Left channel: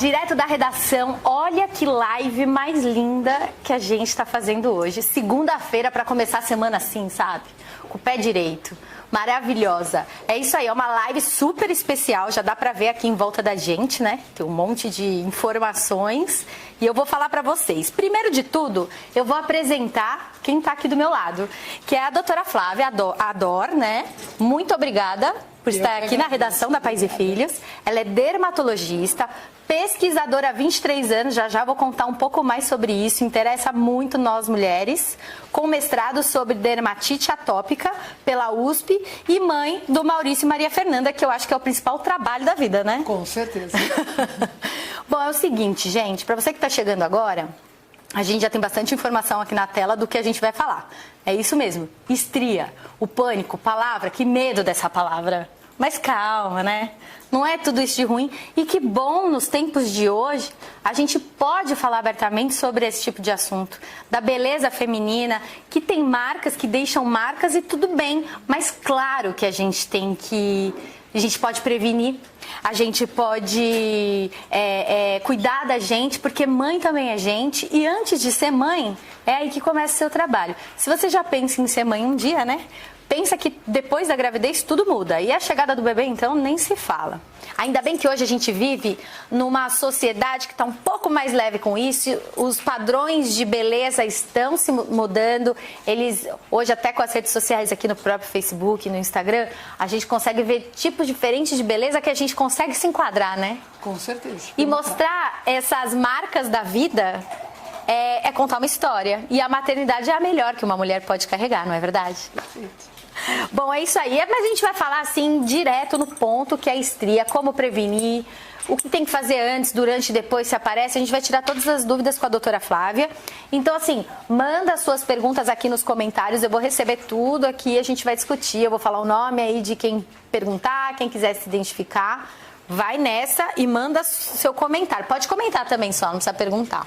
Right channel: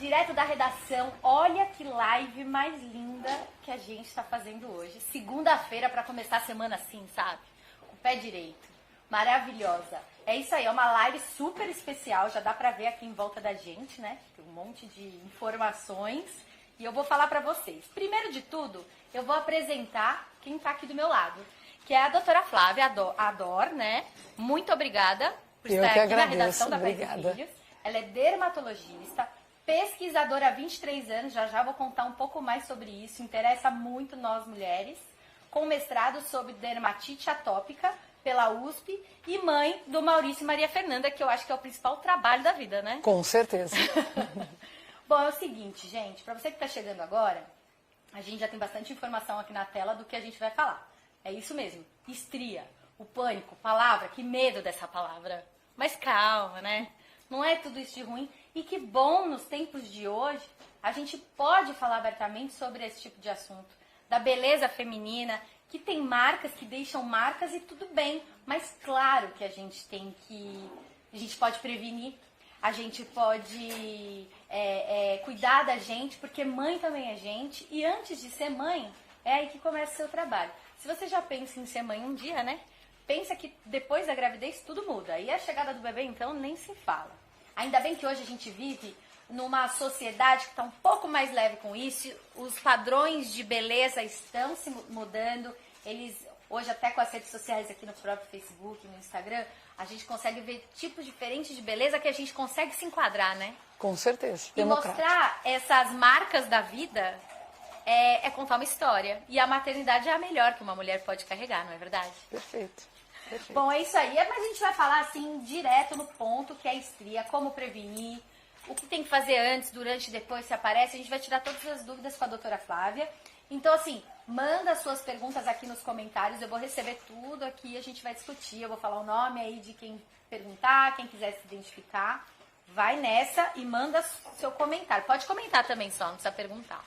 direto da redação. Olha que live mais linda que a gente está fazendo hoje. Segunda-feira para começar a semana assim, sabe? Com o pé direito. Maravilhosa. É isso aí, é uma live super especial. Já dá para ver aqui em volta da gente, né? Tem um monte de informações. E eu vou falar para vocês. Primeiro de tudo, eu vou apresentar quem está aqui do meu lado. Que é a doutora Flávia Ador, né? Muito obrigada por estar aqui na redação da Pais e Filhos. Ela é dermatologista, pesquisadora há 23 anos, já vou contar um pouco mais sobre isso, interessa muito nós mulheres, com mestrado sobre dermatite atópica pela USP e mãe do Maurício e Maria Fernanda, que eu acho que é o principal trabalho da vida, né? Com certeza. Bom, é o seguinte, gente, para você que está chegando agora, a gente já tem bastante informação aqui na tela do que a gente vai falar. É isso mesmo, estria, o pânico, palavra, que medo dessa palavra. Mas calma, né? Não é tudo isso de ruim. E que bom, nos tempos de hoje, a gente pode falar abertamente sobre esse tipo de assunto. Da beleza feminina, que tem marcas, que deixam marcas e tudo bem. Mas claro que a gente tem que... A gente pode prevenir, a gente pode cuidar da gente, porque mãe também é gente. E antes de ser mãe, é aí que começa o seu trabalho. Se você já pensa em ser mãe um dia, né? Pensa que depois da gravidez tudo muda. E a chegada do bebê, então, nem se fala. Ainda bem que hoje a gente vive numa sociedade que está um pouco mais leve com isso. Os padrões de beleza estão se mudando. Hoje, até com as redes sociais aqui no próprio Facebook, no Instagram, a gente consegue ver tipos diferentes de beleza que a gente consegue se enquadrar, né? Com certeza. E mostrar essas marcas da vida é contar uma história. E a maternidade é a melhor que uma mulher pode carregar, não é verdade? Perfeito. Bom, é isso aí. Mas a gente vai falar assim, direto no ponto, que é a estria, como prevenir, o que tem que fazer antes, durante e depois, se aparece. A gente vai tirar todas as dúvidas com a doutora Flávia. Então, assim, manda suas perguntas aqui nos comentários. Eu vou receber tudo aqui, a gente vai discutir. Eu vou falar o nome aí de quem perguntar, quem quiser se identificar. Vai nessa e manda seu comentário. Pode comentar também só, não precisa perguntar.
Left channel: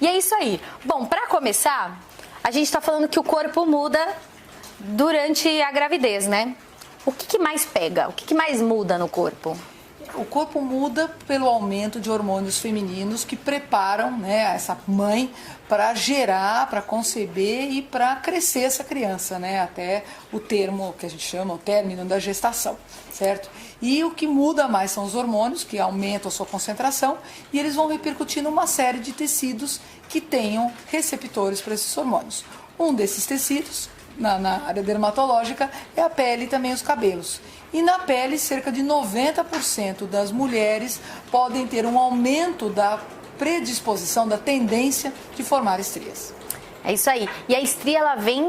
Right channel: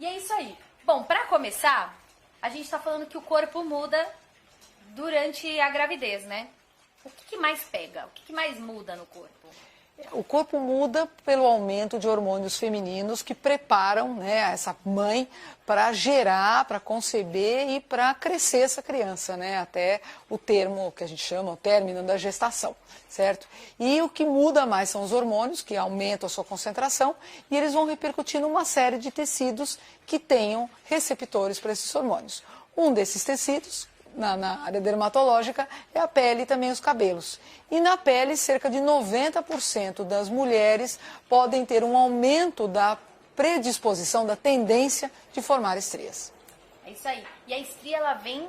E é isso aí. Bom, para começar, a gente está falando que o corpo muda durante a gravidez, né? O que mais pega? O que mais muda no corpo? O corpo muda pelo aumento de hormônios femininos que preparam, né, essa mãe para gerar, para conceber e para crescer essa criança, né, até o termo que a gente chama, o término da gestação, certo? E o que muda mais são os hormônios, que aumentam a sua concentração, e eles vão repercutir numa série de tecidos que tenham receptores para esses hormônios. Um desses tecidos, na área dermatológica, é a pele e também os cabelos. E na pele, cerca de 90% das mulheres podem ter um aumento da predisposição, da tendência de formar estrias. É isso aí. E a estria, ela vem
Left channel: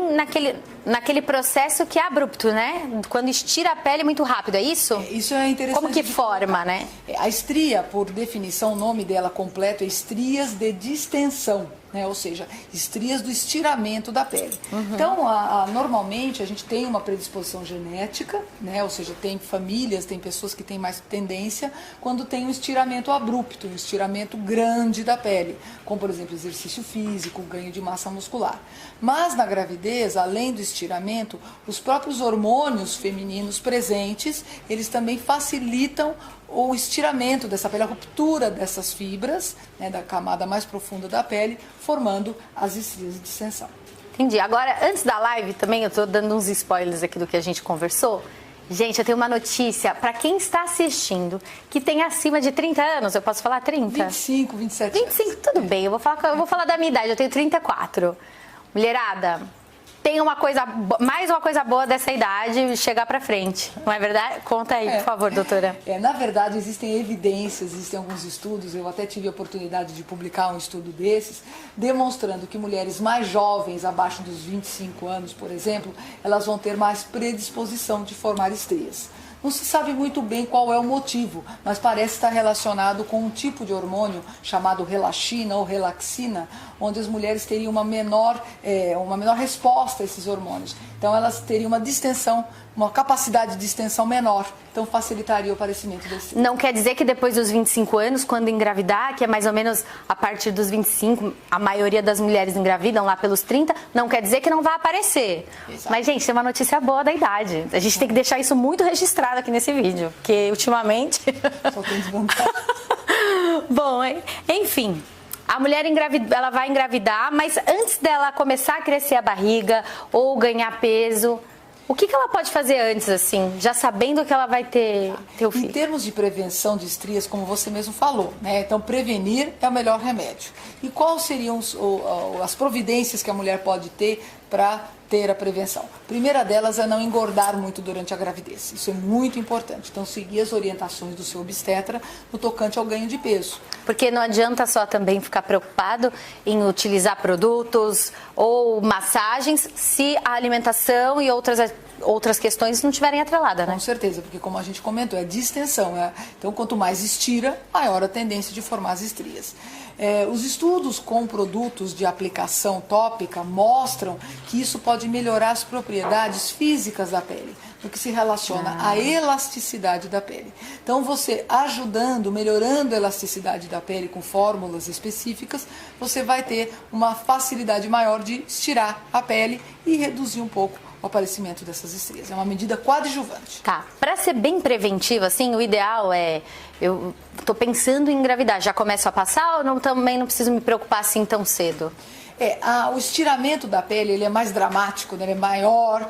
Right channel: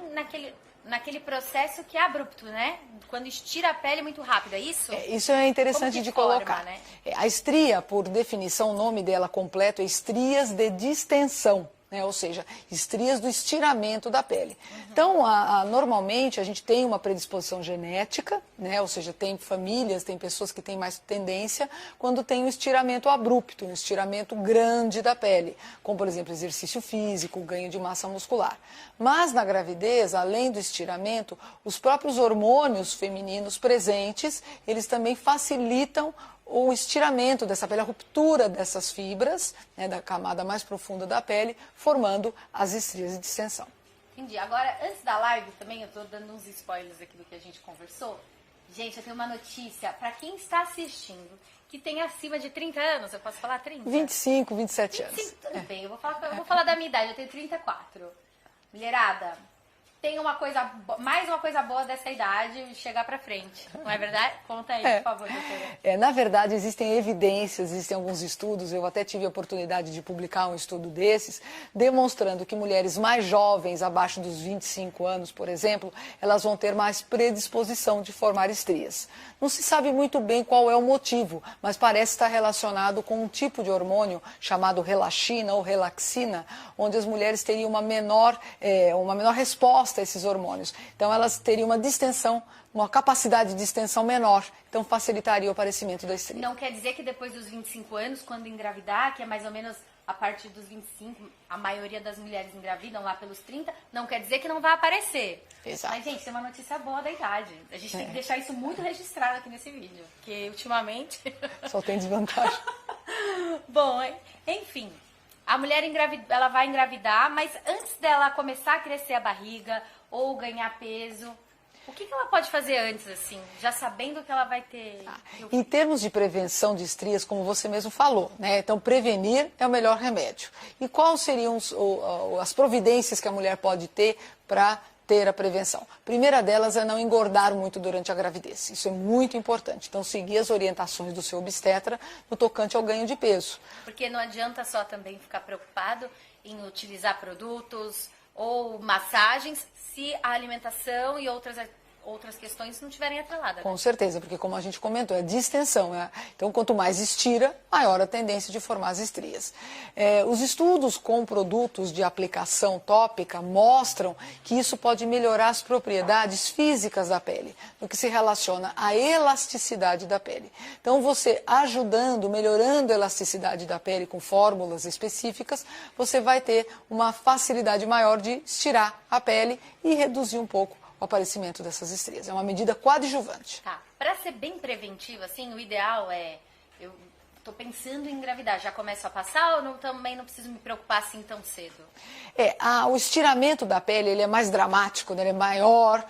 naquele processo que é abrupto, né? Quando estira a pele muito rápido, é isso? Isso é interessante. Como que forma, né? A estria, por definição, o nome dela completo é estrias de distensão. Ou seja, estrias do estiramento da pele. Uhum. Então, normalmente, a gente tem uma predisposição genética, né? Ou seja, tem famílias, tem pessoas que têm mais tendência quando tem um estiramento abrupto, um estiramento grande da pele, como, por exemplo, exercício físico, ganho de massa muscular. Mas, na gravidez, além do estiramento, os próprios hormônios femininos presentes, eles também facilitam o estiramento dessa pele, a ruptura dessas fibras, né, da camada mais profunda da pele, formando as estrias de distensão. Entendi. Agora, antes da live também, eu estou dando uns spoilers aqui do que a gente conversou. Gente, eu tenho uma notícia para quem está assistindo, que tem acima de 30 anos, eu posso falar 30? 25, 27 anos. 25, tudo bem, eu vou falar da minha idade, eu tenho 34. Mulherada, tem mais uma coisa boa dessa idade chegar pra frente, não é verdade? Conta aí, por favor, doutora. Na verdade, existem evidências, existem alguns estudos, eu até tive a oportunidade de publicar um estudo desses, demonstrando que mulheres mais jovens, abaixo dos 25 anos, por exemplo, elas vão ter mais predisposição de formar estrias. Não se sabe muito bem qual é o motivo, mas parece estar relacionado com um tipo de hormônio chamado relaxina ou relaxina, onde as mulheres teriam uma menor resposta a esses hormônios. Então, elas teriam uma distensão, uma capacidade de distensão menor. Então, facilitaria o aparecimento da estria. Não quer dizer que depois dos 25 anos, quando engravidar, que é mais ou menos a partir dos 25, a maioria das mulheres engravidam lá pelos 30, não quer dizer que não vai aparecer. Exato. Mas, gente, tem uma notícia boa da idade. A gente tem que deixar isso muito registrado aqui nesse vídeo, porque ultimamente... Só tem desvantagem. Bom, enfim, a mulher ela vai engravidar, mas antes dela começar a crescer a barriga ou ganhar peso, o que ela pode fazer antes, assim, já sabendo que ela vai ter o filho? Em termos de prevenção de estrias, como você mesmo falou, né? Então, prevenir é o melhor remédio. E quais seriam as providências que a mulher pode ter para ter a prevenção? A primeira delas é não engordar muito durante a gravidez. Isso é muito importante. Então, seguir as orientações do seu obstetra no tocante ao ganho de peso. Porque não adianta só também ficar preocupado em utilizar produtos ou massagens se a alimentação e outras questões não estiverem atreladas, né? Com certeza, porque como a gente comentou, é distensão, né? Então, quanto mais estira, maior a tendência de formar as estrias. Os estudos com produtos de aplicação tópica mostram que isso pode melhorar as propriedades físicas da pele, no que se relaciona à elasticidade da pele. Então, você ajudando, melhorando a elasticidade da pele com fórmulas específicas, você vai ter uma facilidade maior de estirar a pele e reduzir um pouco o aparecimento dessas estrias. É uma medida coadjuvante. Tá. Para ser bem preventivo, assim, o ideal é... Eu estou pensando em engravidar, já começo a passar ou também não preciso me preocupar assim tão cedo? O estiramento da pele ele é mais dramático, né? Ele é maior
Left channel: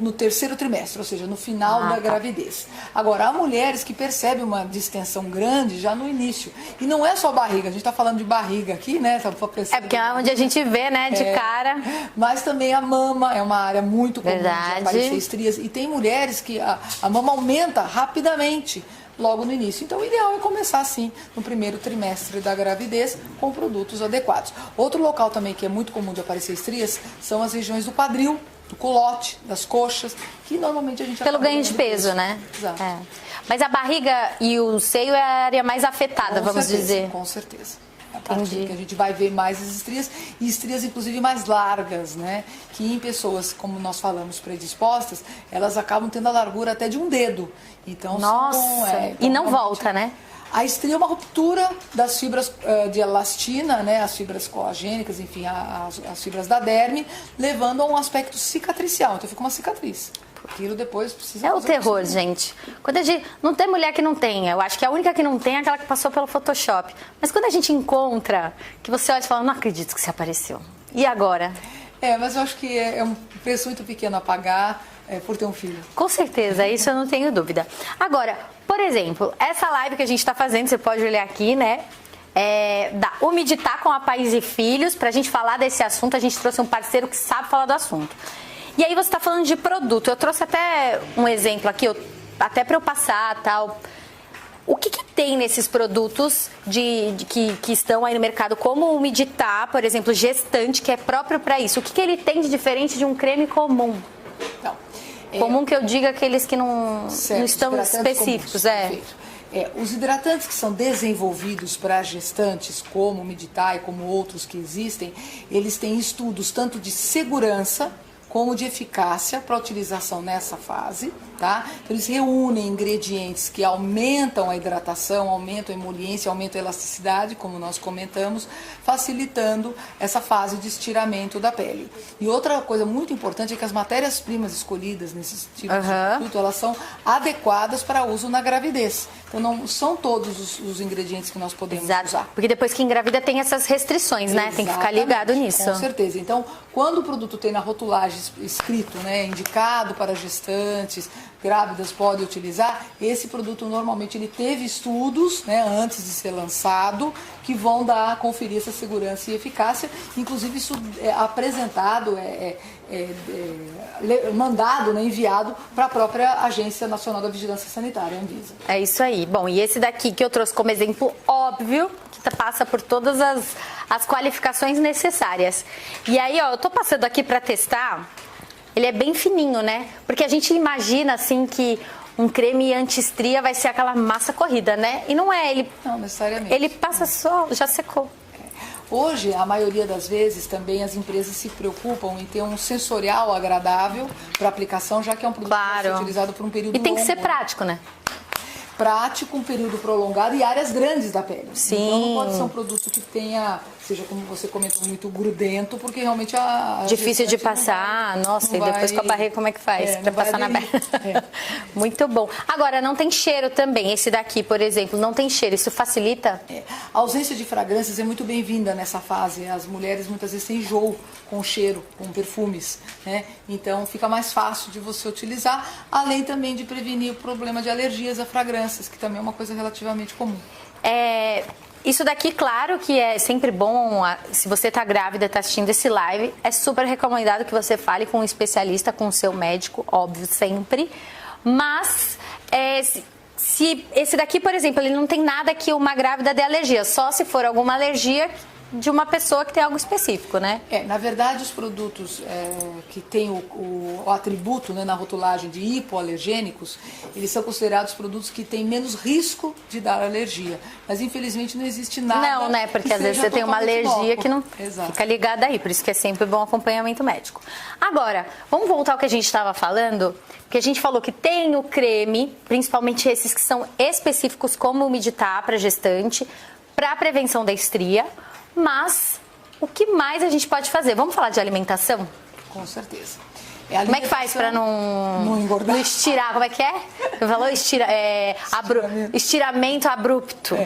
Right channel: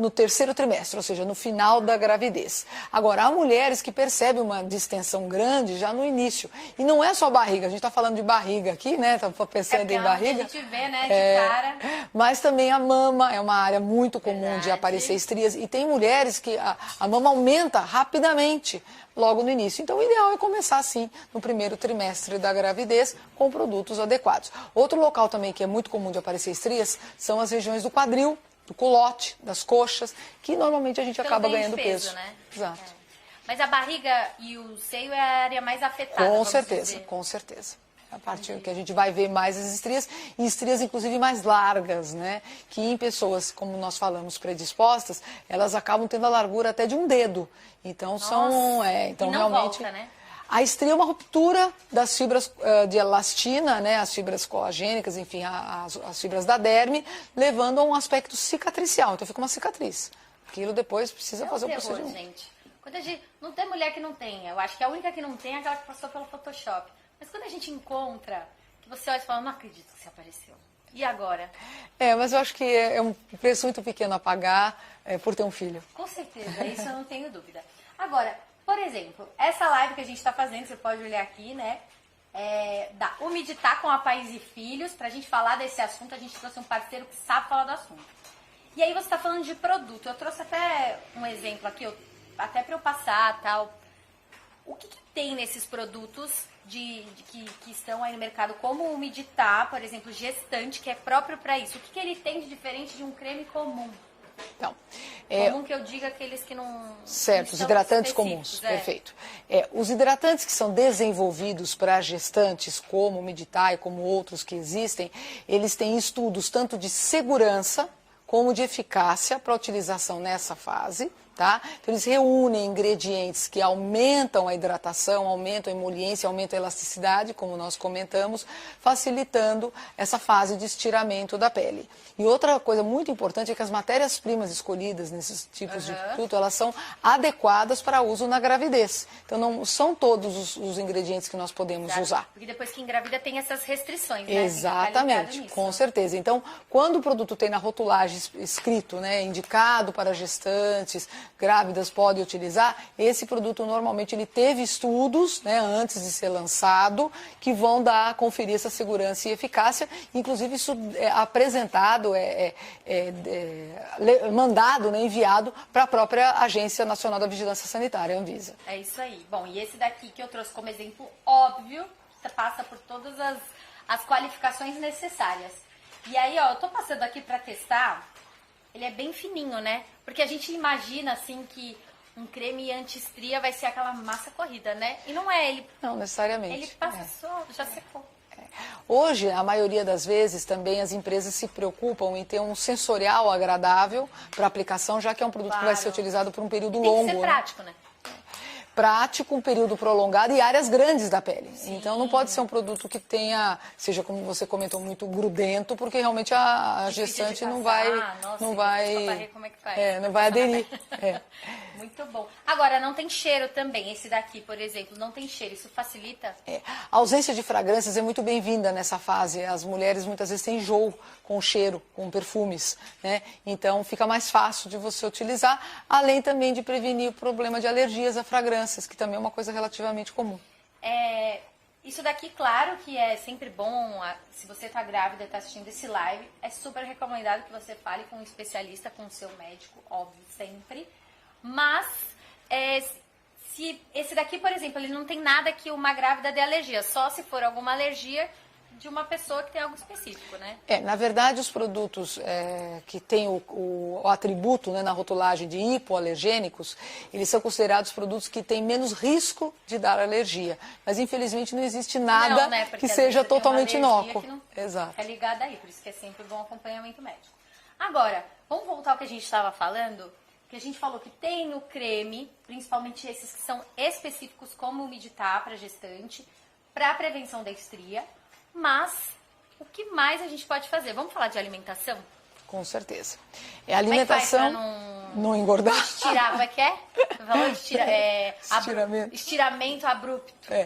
no terceiro trimestre, ou seja, no final da gravidez. Agora, há mulheres que percebem uma distensão grande já no início. E não é só barriga, a gente está falando de barriga aqui, né? Tá pensando porque em barriga. É onde a gente vê, né, de cara. Mas também a mama é uma área muito comum de aparecer estrias. E tem mulheres que a mama aumenta rapidamente logo no início. Então, o ideal é começar assim, no primeiro trimestre da gravidez, com produtos adequados. Outro local também que é muito comum de aparecer estrias são as regiões do quadril, do culote, das coxas, que normalmente a gente acaba ganho de peso, né? Exato. Mas a barriga e o seio é a área mais afetada, vamos dizer. Com certeza. A parte que a gente vai ver mais as estrias, e estrias inclusive mais largas, né? Que em pessoas, como nós falamos, predispostas, elas acabam tendo a largura até de um dedo. Então, e não volta, né? A estria é uma ruptura das fibras de elastina, né? As fibras colagênicas, enfim, as fibras da derme, levando a um aspecto cicatricial. Então fica uma cicatriz. Aquilo depois precisa fazer o terror, gente. Quando a gente, não tem mulher que não tenha. Eu acho que a única que não tem é aquela que passou pelo Photoshop. Mas quando a gente encontra, que você olha e fala, não acredito que você apareceu. E agora? Mas eu acho que é um preço muito pequeno a pagar por ter um filho. Com certeza, isso eu não tenho dúvida. Agora, por exemplo, essa live que a gente está fazendo, você pode olhar aqui, né? Da Umeditar com a Pais e Filhos. Para a gente falar desse assunto, a gente trouxe um parceiro que sabe falar do assunto. E aí você está falando de produto. Eu trouxe até um exemplo aqui, até para eu passar tal. O que tem nesses produtos que estão aí no mercado, como o Umeditar, por exemplo, gestante, que é próprio para isso? O que ele tem de diferente de um creme comum? Não. Comum que eu diga aqueles que não estão específicos. Perfeito. Os hidratantes que são desenvolvidos para gestantes, como o Umeditar e como outros que existem, eles têm estudos tanto de segurança como de eficácia para utilização nessa fase, tá? Então, eles reúnem ingredientes que aumentam a hidratação, aumentam a emoliência, aumentam a elasticidade, como nós comentamos, facilitando essa fase de estiramento da pele. E outra coisa muito importante é que as matérias-primas escolhidas nesses tipos de produto, elas são adequadas para uso na gravidez. Então, não são todos os ingredientes que nós podemos usar. Porque depois que engravida tem essas restrições, né? Tem que ficar ligado nisso. Com certeza. Então, quando o produto tem na rotulagem escrito, né, indicado para gestantes, grávidas podem utilizar, esse produto normalmente ele teve estudos, né, antes de ser lançado, que vão conferir essa segurança e eficácia. Inclusive isso é apresentado, mandado, né, enviado para a própria Agência Nacional da Vigilância Sanitária, Anvisa. É isso aí. Bom, e esse daqui que eu trouxe como exemplo óbvio, que passa por todas as qualificações necessárias. E aí, ó, eu tô passando aqui para testar. Ele é bem fininho, né? Porque a gente imagina, assim, que um creme anti-estria vai ser aquela massa corrida, né? E não é. Não necessariamente. Ele passa só, já secou. Hoje, a maioria das vezes, também as empresas se preocupam em ter um sensorial agradável para aplicação, já que é um produto que vai ser utilizado por um período longo. E tem que ser prático, né? prático, um período prolongado e áreas grandes da pele. Sim. Então não pode ser um produto que tenha, seja como você comentou, muito grudento, porque realmente a difícil de passar, nossa, e depois com a barriga como é que faz pra passar na pele? Muito bom. Agora, não tem cheiro também, esse daqui, por exemplo, não tem cheiro, isso facilita? A ausência de fragrâncias é muito bem-vinda nessa fase. As mulheres muitas vezes têm enjoo com cheiro, com perfumes, né? Então fica mais fácil de você utilizar, além também de prevenir o problema de alergias a fragrâncias, que também é uma coisa relativamente comum. Isso daqui, claro que é sempre bom, se você está grávida, está assistindo esse live, é super recomendado que você fale com um especialista, com o seu médico, óbvio, sempre. Mas, se esse daqui, por exemplo, ele não tem nada que uma grávida dê alergia, só se for alguma alergia de uma pessoa que tem algo específico, né? Na verdade, os produtos que têm o atributo, né, na rotulagem de hipoalergênicos, eles são considerados produtos que têm menos risco de dar alergia. Mas, infelizmente, não existe nada. Não, né? Porque que às vezes seja você tem uma alergia inócuo. que não Exato. fica ligada aí, por isso que é sempre bom acompanhamento médico. Agora, vamos voltar ao que a gente estava falando, porque a gente falou que tem o creme, principalmente esses que são específicos como o Meditar para gestante, para prevenção da estria. Mas o que mais a gente pode fazer? Vamos falar de alimentação? Com certeza. Como é que faz para não engordar? Não estirar? Como é que é? Falou estiramento abrupto.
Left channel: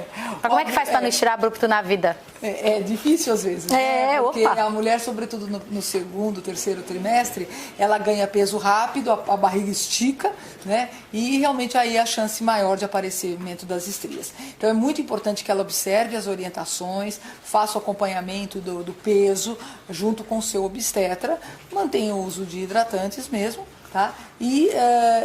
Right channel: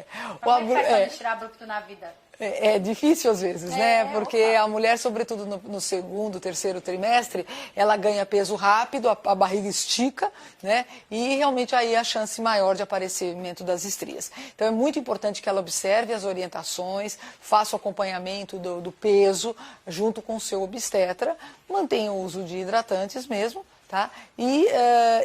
Como é que faz para não estirar abrupto na vida? É difícil às vezes, né? Porque a mulher, sobretudo no segundo, terceiro trimestre, ela ganha peso rápido, a barriga estica, né? E realmente aí a chance maior de aparecimento das estrias. Então é muito importante que ela observe as orientações, faça o acompanhamento do peso junto com o seu obstetra, mantenha o uso de hidratantes mesmo. Tá? E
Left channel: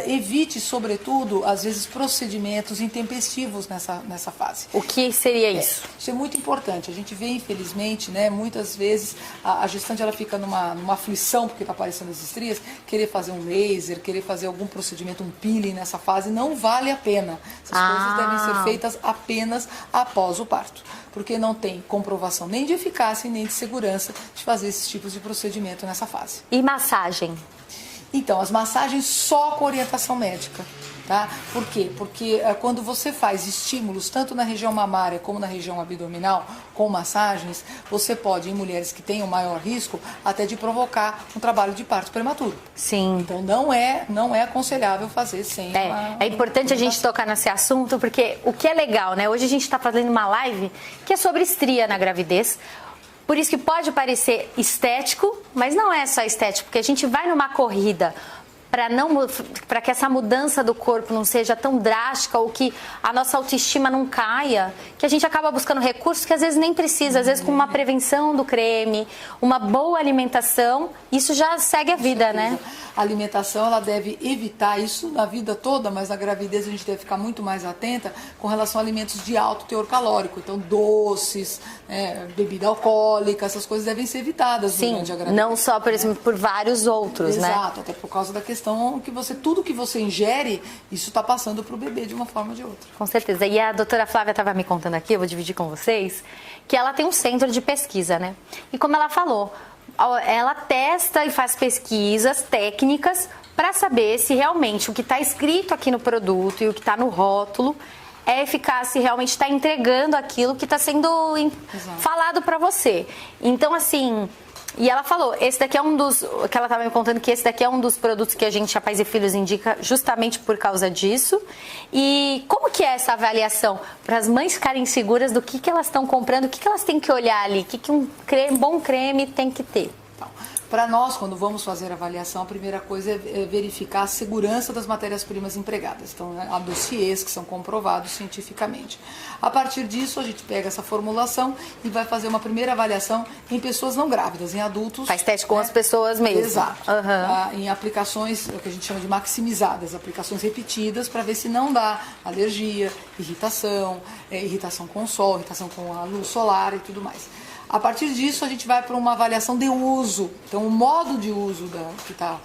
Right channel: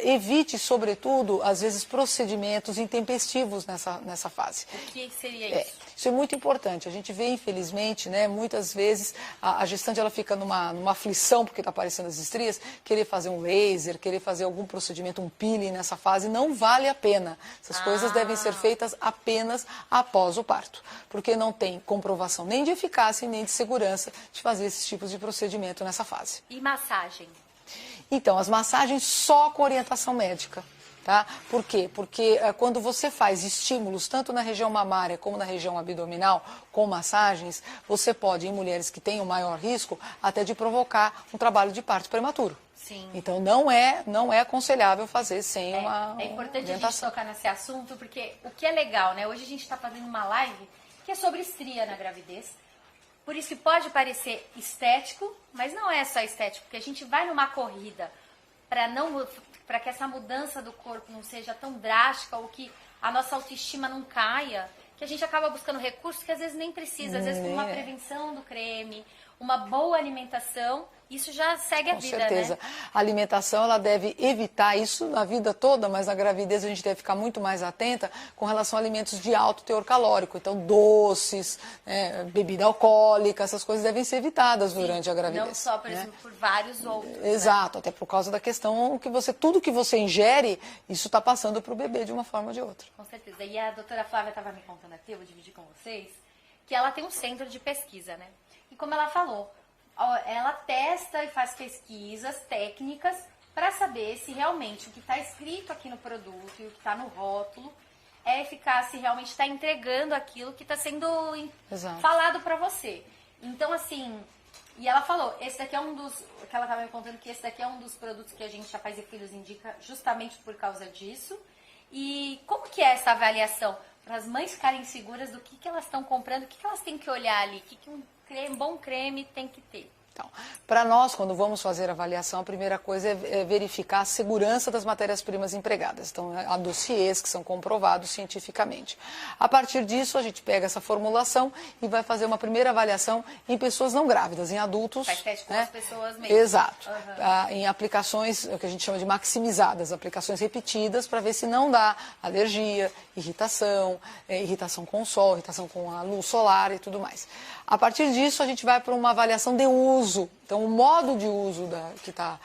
evite, sobretudo, às vezes, procedimentos intempestivos nessa fase. O que seria isso? Isso é muito importante. A gente vê, infelizmente, né, muitas vezes a gestante ela fica numa aflição porque está aparecendo as estrias, querer fazer um laser, querer fazer algum procedimento, um peeling nessa fase, não vale a pena. Essas coisas devem ser feitas apenas após o parto, porque não tem comprovação nem de eficácia nem de segurança de fazer esses tipos de procedimento nessa fase. E massagem? Então, as massagens só com orientação médica, tá? Por quê? Porque quando você faz estímulos, tanto na região mamária como na região abdominal, com massagens, você pode, em mulheres que têm um maior risco, até de provocar um trabalho de parto prematuro. Sim. Então, não é aconselhável fazer sem É importante a gente tocar nesse assunto, porque o que é legal, né? Hoje a gente está fazendo uma live que é sobre estria na gravidez. Por isso que pode parecer estético, mas não é só estético, porque a gente vai numa corrida para que essa mudança do corpo não seja tão drástica ou que a nossa autoestima não caia, que a gente acaba buscando recursos que às vezes nem precisa, às vezes com uma prevenção do creme, uma boa alimentação, isso já segue a vida, né? A alimentação, ela deve evitar isso na vida toda, mas na gravidez a gente deve ficar muito mais atenta com relação a alimentos de alto teor calórico. Então, doces, bebida alcoólica, essas coisas devem ser evitadas durante a gravidez. Não só, por exemplo, por vários outros, né? Exato, até por causa da questão que tudo que você ingere, isso está passando para o bebê de uma forma ou de outra. Com certeza. E a doutora Flávia estava me contando aqui, eu vou dividir com vocês, que ela tem um centro de pesquisa, né? E como ela falou, ela testa e faz pesquisas técnicas para saber se realmente o que está escrito aqui no produto e o que está no rótulo é eficaz, se realmente está entregando aquilo que está sendo falado para você. Então, assim... E ela falou, esse daqui é que ela estava me contando que esse daqui é um dos produtos que a gente, a Pais e Filhos, indica justamente por causa disso. E como que é essa avaliação? Para as mães ficarem seguras do que elas estão comprando, o que elas têm que olhar ali, o que um bom creme tem que ter? Para nós, quando vamos fazer a avaliação, a primeira coisa é verificar a segurança das matérias-primas empregadas. Então, há dossiês que são comprovados cientificamente. A partir disso, a gente pega essa formulação e vai fazer uma primeira avaliação em pessoas não grávidas, em adultos. Faz teste com as pessoas mesmo. Exato. Em aplicações, o que a gente chama de maximizadas, aplicações repetidas, para ver se não dá alergia, irritação com o sol, irritação com a luz solar e tudo mais. A partir disso, a gente vai para uma avaliação de uso. Então, o modo de uso que está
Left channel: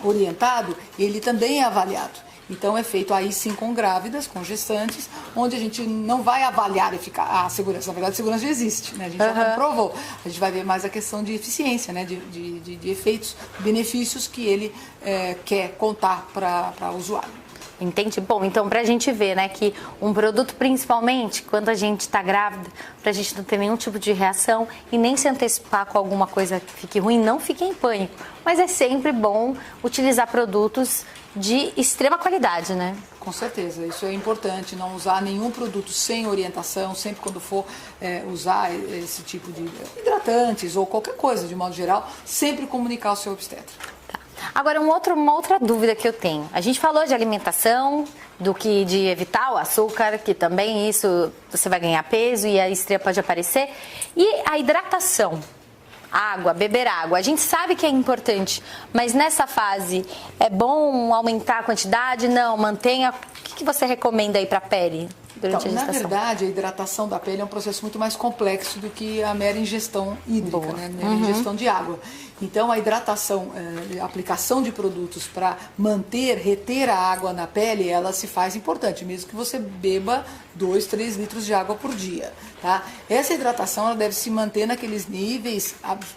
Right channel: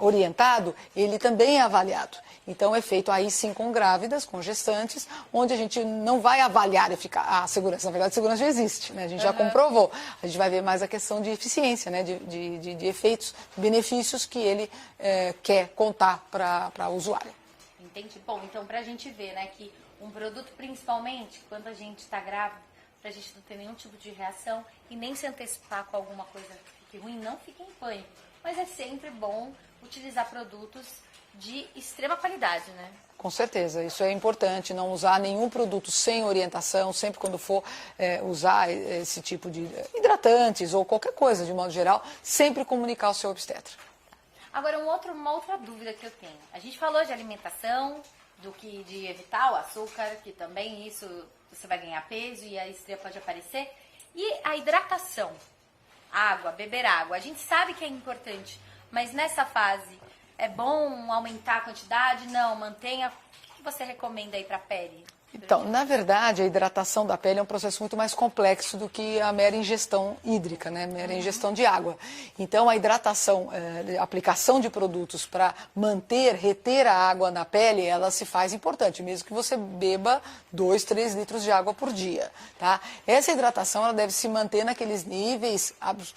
orientado, ele também é avaliado. Então, é feito aí sim com grávidas, com gestantes, onde a gente não vai avaliar a segurança. Na verdade, a segurança já existe, né? A gente já comprovou. A gente vai ver mais a questão de eficiência, né? de efeitos, benefícios que ele quer contar para o usuário. Entende? Bom, então pra gente ver, né, que um produto, principalmente quando a gente tá grávida, pra gente não ter nenhum tipo de reação e nem se antecipar com alguma coisa que fique ruim, não fique em pânico. Mas é sempre bom utilizar produtos de extrema qualidade, né? Com certeza, isso é importante, não usar nenhum produto sem orientação, sempre quando for usar esse tipo de hidratantes ou qualquer coisa, de modo geral, sempre comunicar ao seu obstetra. Agora, uma outra dúvida que eu tenho. A gente falou de alimentação, de evitar o açúcar, que também isso você vai ganhar peso e a estria pode aparecer. E a hidratação, água, beber água. A gente sabe que é importante, mas nessa fase é bom aumentar a quantidade? Não, mantenha. O que você recomenda aí para a pele? Então, na verdade, a hidratação da pele é um processo muito mais complexo do que a mera ingestão hídrica, né? A mera ingestão de água. Então, a hidratação, a aplicação de produtos para reter a água na pele, ela se faz importante, mesmo que você beba 2, 3 litros de água por dia. Tá? Essa hidratação ela deve se manter naqueles níveis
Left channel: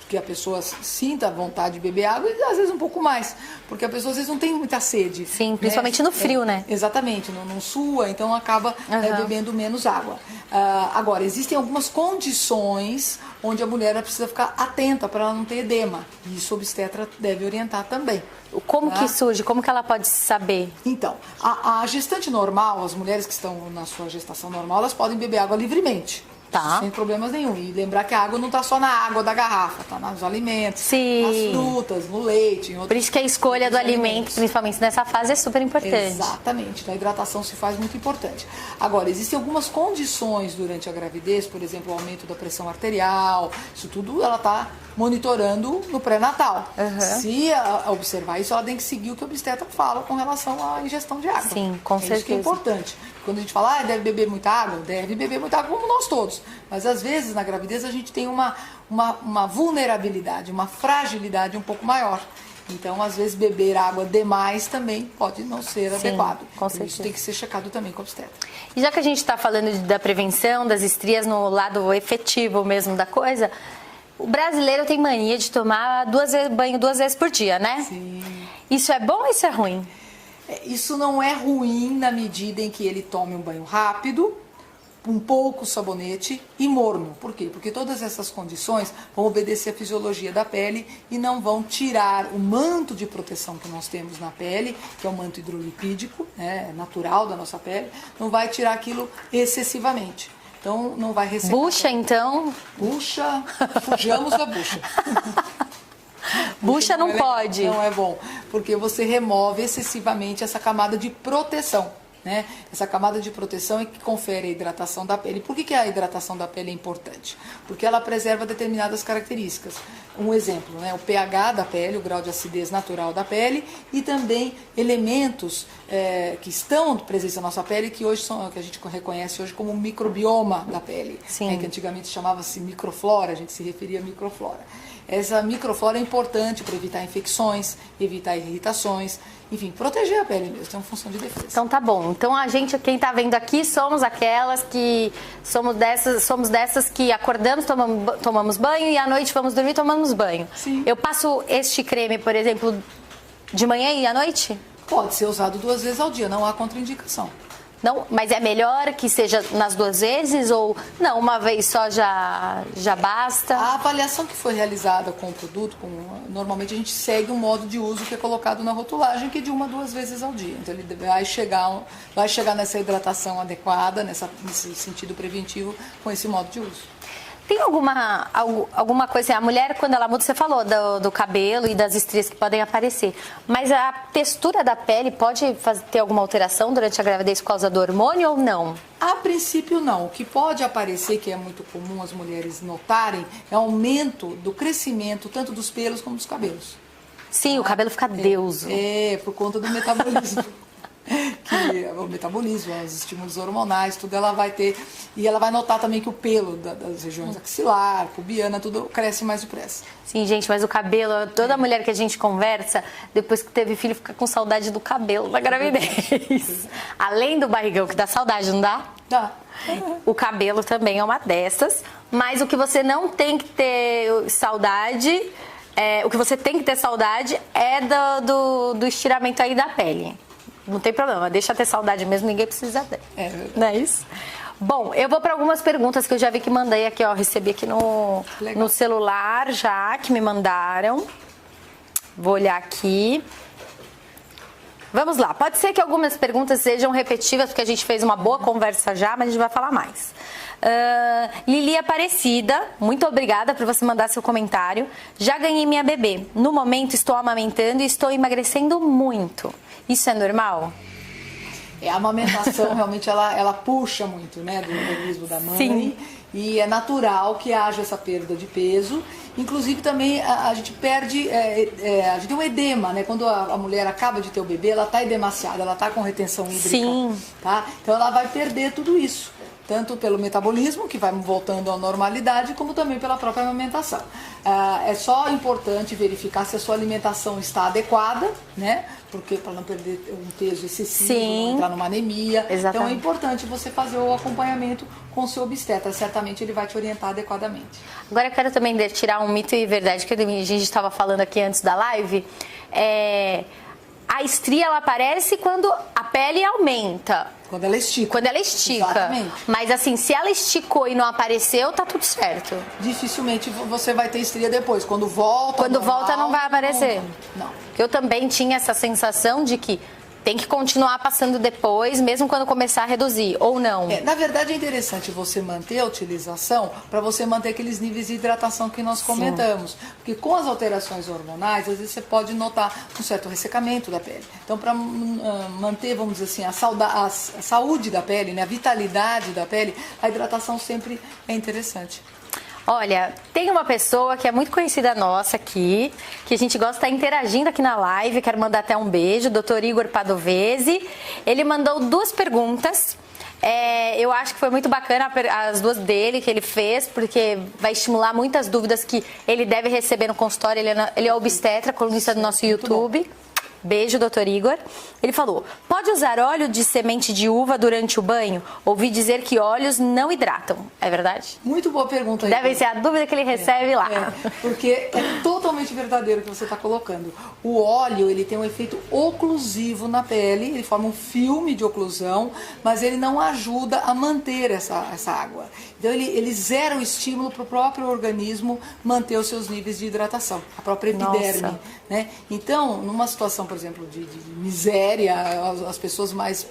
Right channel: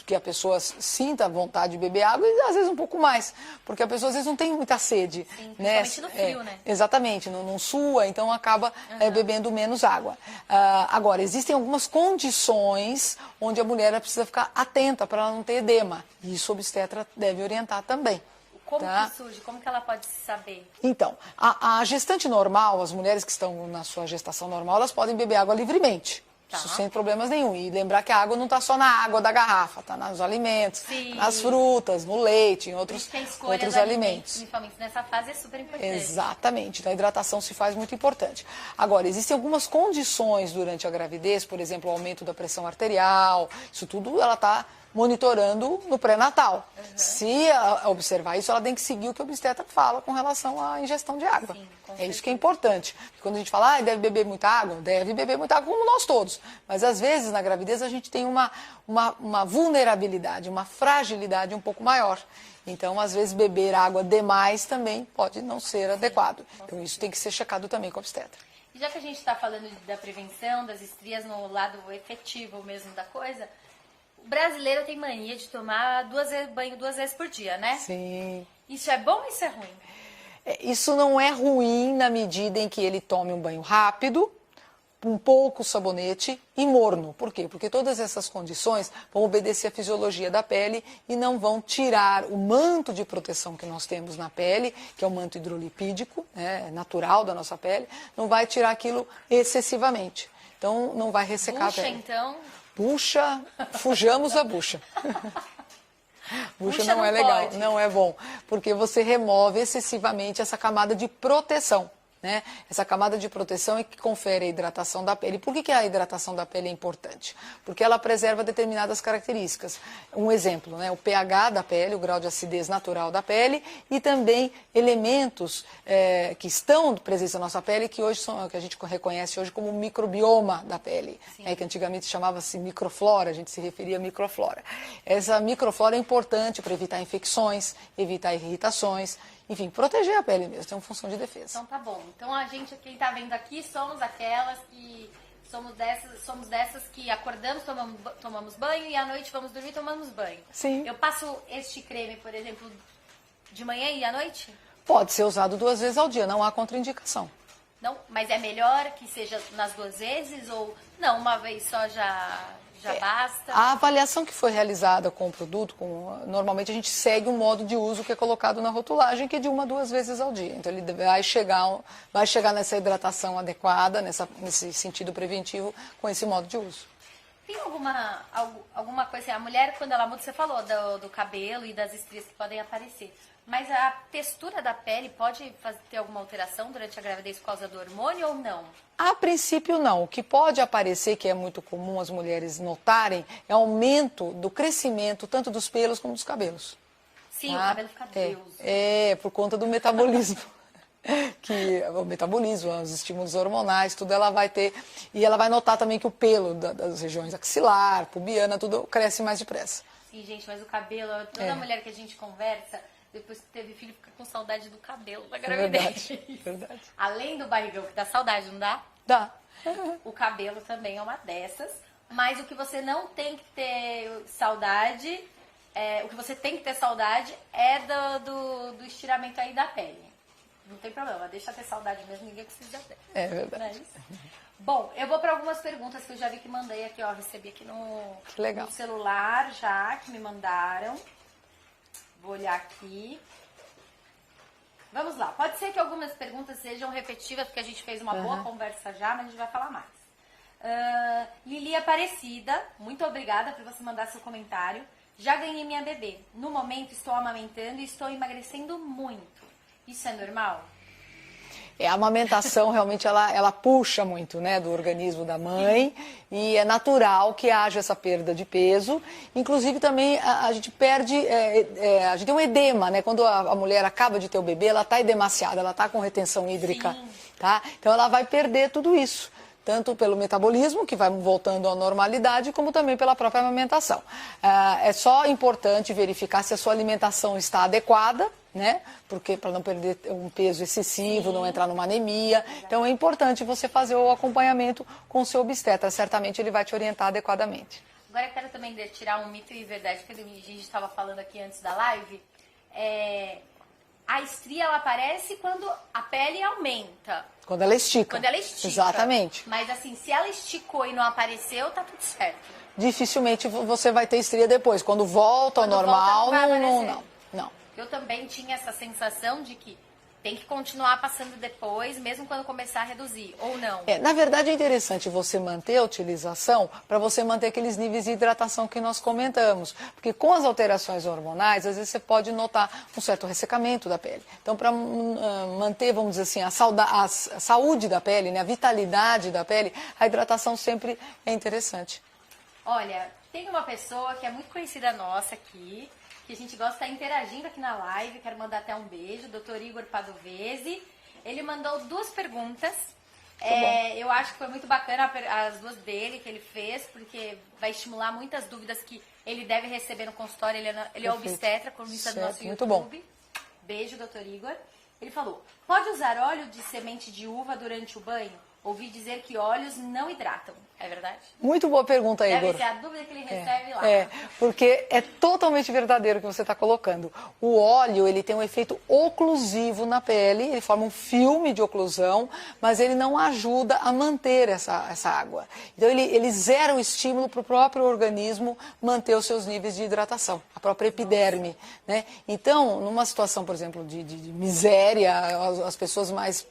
que a pessoa sinta a vontade de beber água e às vezes um pouco mais, porque a pessoa às vezes não tem muita sede. Sim, principalmente no frio, né? Exatamente, não sua, então acaba bebendo menos água. Agora, existem algumas condições onde a mulher precisa ficar atenta para ela não ter edema. Isso o obstetra deve orientar também. Como que surge? Como que ela pode saber? Então, a gestante normal, as mulheres que estão na sua gestação normal, elas podem beber água livremente. Tá. Sem problemas nenhum. E lembrar que a água não está só na água da garrafa, está nos alimentos, Sim. nas frutas, no leite. Por isso que a escolha do alimento, principalmente nessa fase, é super importante. Exatamente. Então, a hidratação se faz muito importante. Agora, existem algumas condições durante a gravidez, por exemplo, o aumento da pressão arterial, isso tudo ela está monitorando no pré-natal. Se observar isso, ela tem que seguir o que o obstetra fala com relação à ingestão de água. Sim, com certeza. Isso que é importante. Quando a gente fala, deve beber muita água, deve beber muita água como nós todos. Mas às vezes na gravidez a gente tem uma vulnerabilidade, uma fragilidade um pouco maior. Então, às vezes, beber água demais também pode não ser adequado. Com certeza. Isso tem que ser checado também com o obstetra. E já que a gente está falando da prevenção das estrias no lado efetivo mesmo da coisa, o brasileiro tem mania de tomar banho 2 vezes por dia, né? Sim. Isso é bom ou isso é ruim? Isso não é ruim na medida em que ele tome um banho rápido, um pouco sabonete e morno. Por quê? Porque todas essas condições vão obedecer à fisiologia da pele e não vão tirar o manto de proteção que nós temos na pele, que é o manto hidrolipídico, né, natural da nossa pele, não vai tirar aquilo excessivamente. Então, não vai ressecar bucha, a pele. Então? Bucha, fujamos a bucha. Bucha não pode. Não é bom, porque você remove excessivamente essa camada de proteção. Né? Essa camada de proteção é que confere a hidratação da pele. Por que a hidratação da pele é importante? Porque ela preserva determinadas características. Um exemplo, né? O pH da pele, o grau de acidez natural da pele e também elementos que estão presentes na nossa pele que hoje são, que a gente reconhece hoje como microbioma da pele. Sim. Que antigamente chamava-se microflora, a gente se referia a microflora. Essa microflora é importante para evitar infecções, evitar irritações, enfim, proteger a pele mesmo, tem uma função de defesa. Então tá bom. Então a gente, quem tá vendo aqui, somos aquelas que somos dessas que acordamos, tomamos banho e à noite vamos dormir, tomamos banho. Sim. Eu passo este creme, por exemplo, de manhã e à noite? Pode ser usado 2 vezes ao dia, não há contraindicação. Não, mas é melhor que seja nas 2 vezes ou não, uma vez só já basta? A avaliação que foi realizada com o produto, normalmente a gente segue um modo de uso que é colocado na rotulagem, que é de 1 a 2 vezes ao dia. Então ele vai chegar nessa hidratação adequada, nesse sentido preventivo, com esse modo de uso. Tem alguma coisa, a mulher quando ela muda, você falou do cabelo e das estrias que podem aparecer, mas a textura da pele pode ter alguma alteração durante a gravidez por causa do hormônio ou não? A princípio não. O que pode aparecer, que é muito comum as mulheres notarem, é o aumento do crescimento tanto dos pelos como dos cabelos. Sim, o cabelo fica deuso. Por conta do metabolismo. Que é o metabolismo, os estímulos hormonais, tudo ela vai ter. E ela vai notar também que o pelo das regiões axilar, pubiana, tudo cresce mais depressa. Sim, gente, mas o cabelo, toda mulher que a gente conversa, depois que teve filho, fica com saudade do cabelo da gravidez. Verdade. Além do barrigão, que dá saudade, não dá? Dá. O cabelo também é uma dessas, mas o que você não tem que ter saudade, o que você tem que ter saudade é do estiramento aí da pele. não tem problema, deixa ter saudade mesmo, ninguém precisa ter. É verdade. Não é isso? Bom, eu vou para algumas perguntas que eu já vi que mandei aqui, ó, recebi aqui no celular já, que me mandaram. Vou olhar aqui. Vamos lá, pode ser que algumas perguntas sejam repetitivas, porque a gente fez uma boa conversa já, mas a gente vai falar mais. Lili Aparecida, muito obrigada por você mandar seu comentário. Já ganhei minha bebê. No momento estou amamentando e estou emagrecendo muito. Isso é normal? A amamentação realmente ela puxa muito, né, do organismo da mãe. Sim. E é natural que haja essa perda de peso. Inclusive também a gente perde, a gente tem um edema, né? Quando a mulher acaba de ter o bebê, ela está edemaciada, ela está com retenção hídrica. Sim. Tá? Então ela vai perder tudo isso. Tanto pelo metabolismo, que vai voltando à normalidade, como também pela própria amamentação. É só importante verificar se a sua alimentação está adequada, né? Porque para não perder um peso excessivo, Sim. não entrar numa anemia. Exatamente. Então é importante você fazer o acompanhamento com o seu obstetra. Certamente ele vai te orientar adequadamente. Agora eu quero também tirar um mito e verdade que a gente estava falando aqui antes da live. A estria ela aparece quando a pele aumenta. Quando ela estica. Quando ela estica. Exatamente. Mas assim, se ela esticou e não apareceu, tá tudo certo. Dificilmente você vai ter estria depois. Quando volta ao Quando normal, volta não vai aparecer. Não. Eu também tinha essa sensação de que tem que continuar passando depois, mesmo quando começar a reduzir, ou não? Na verdade, é interessante você manter a utilização para você manter aqueles níveis de hidratação que nós comentamos. Sim. Porque com as alterações hormonais, às vezes você pode notar um certo ressecamento da pele. Então, para manter, vamos dizer assim, a saúde da pele, né, a vitalidade da pele, a hidratação sempre é interessante. Olha, tem uma pessoa que é muito conhecida nossa aqui, que a gente gosta de estar interagindo aqui na live, quero mandar até um beijo, Dr. Igor Padovese. Ele mandou 2 perguntas. Eu acho que foi muito bacana as 2 dele que ele fez, porque vai estimular muitas dúvidas que ele deve receber no consultório. Ele é obstetra, colunista do nosso YouTube. Beijo, doutor Igor. Ele falou, pode usar óleo de semente de uva durante o banho? Ouvi dizer que óleos não hidratam. É verdade? Muito boa pergunta, Igor. Deve ser a dúvida que ele recebe lá. Porque é totalmente verdadeiro o que você está colocando. O óleo, ele tem um efeito oclusivo na pele, ele forma um filme de oclusão, mas ele não ajuda a manter essa água. Então, ele zera o estímulo para o próprio organismo manter os seus níveis de hidratação, a própria epiderme. Né? Então, numa situação, por exemplo, de miséria, as pessoas mais...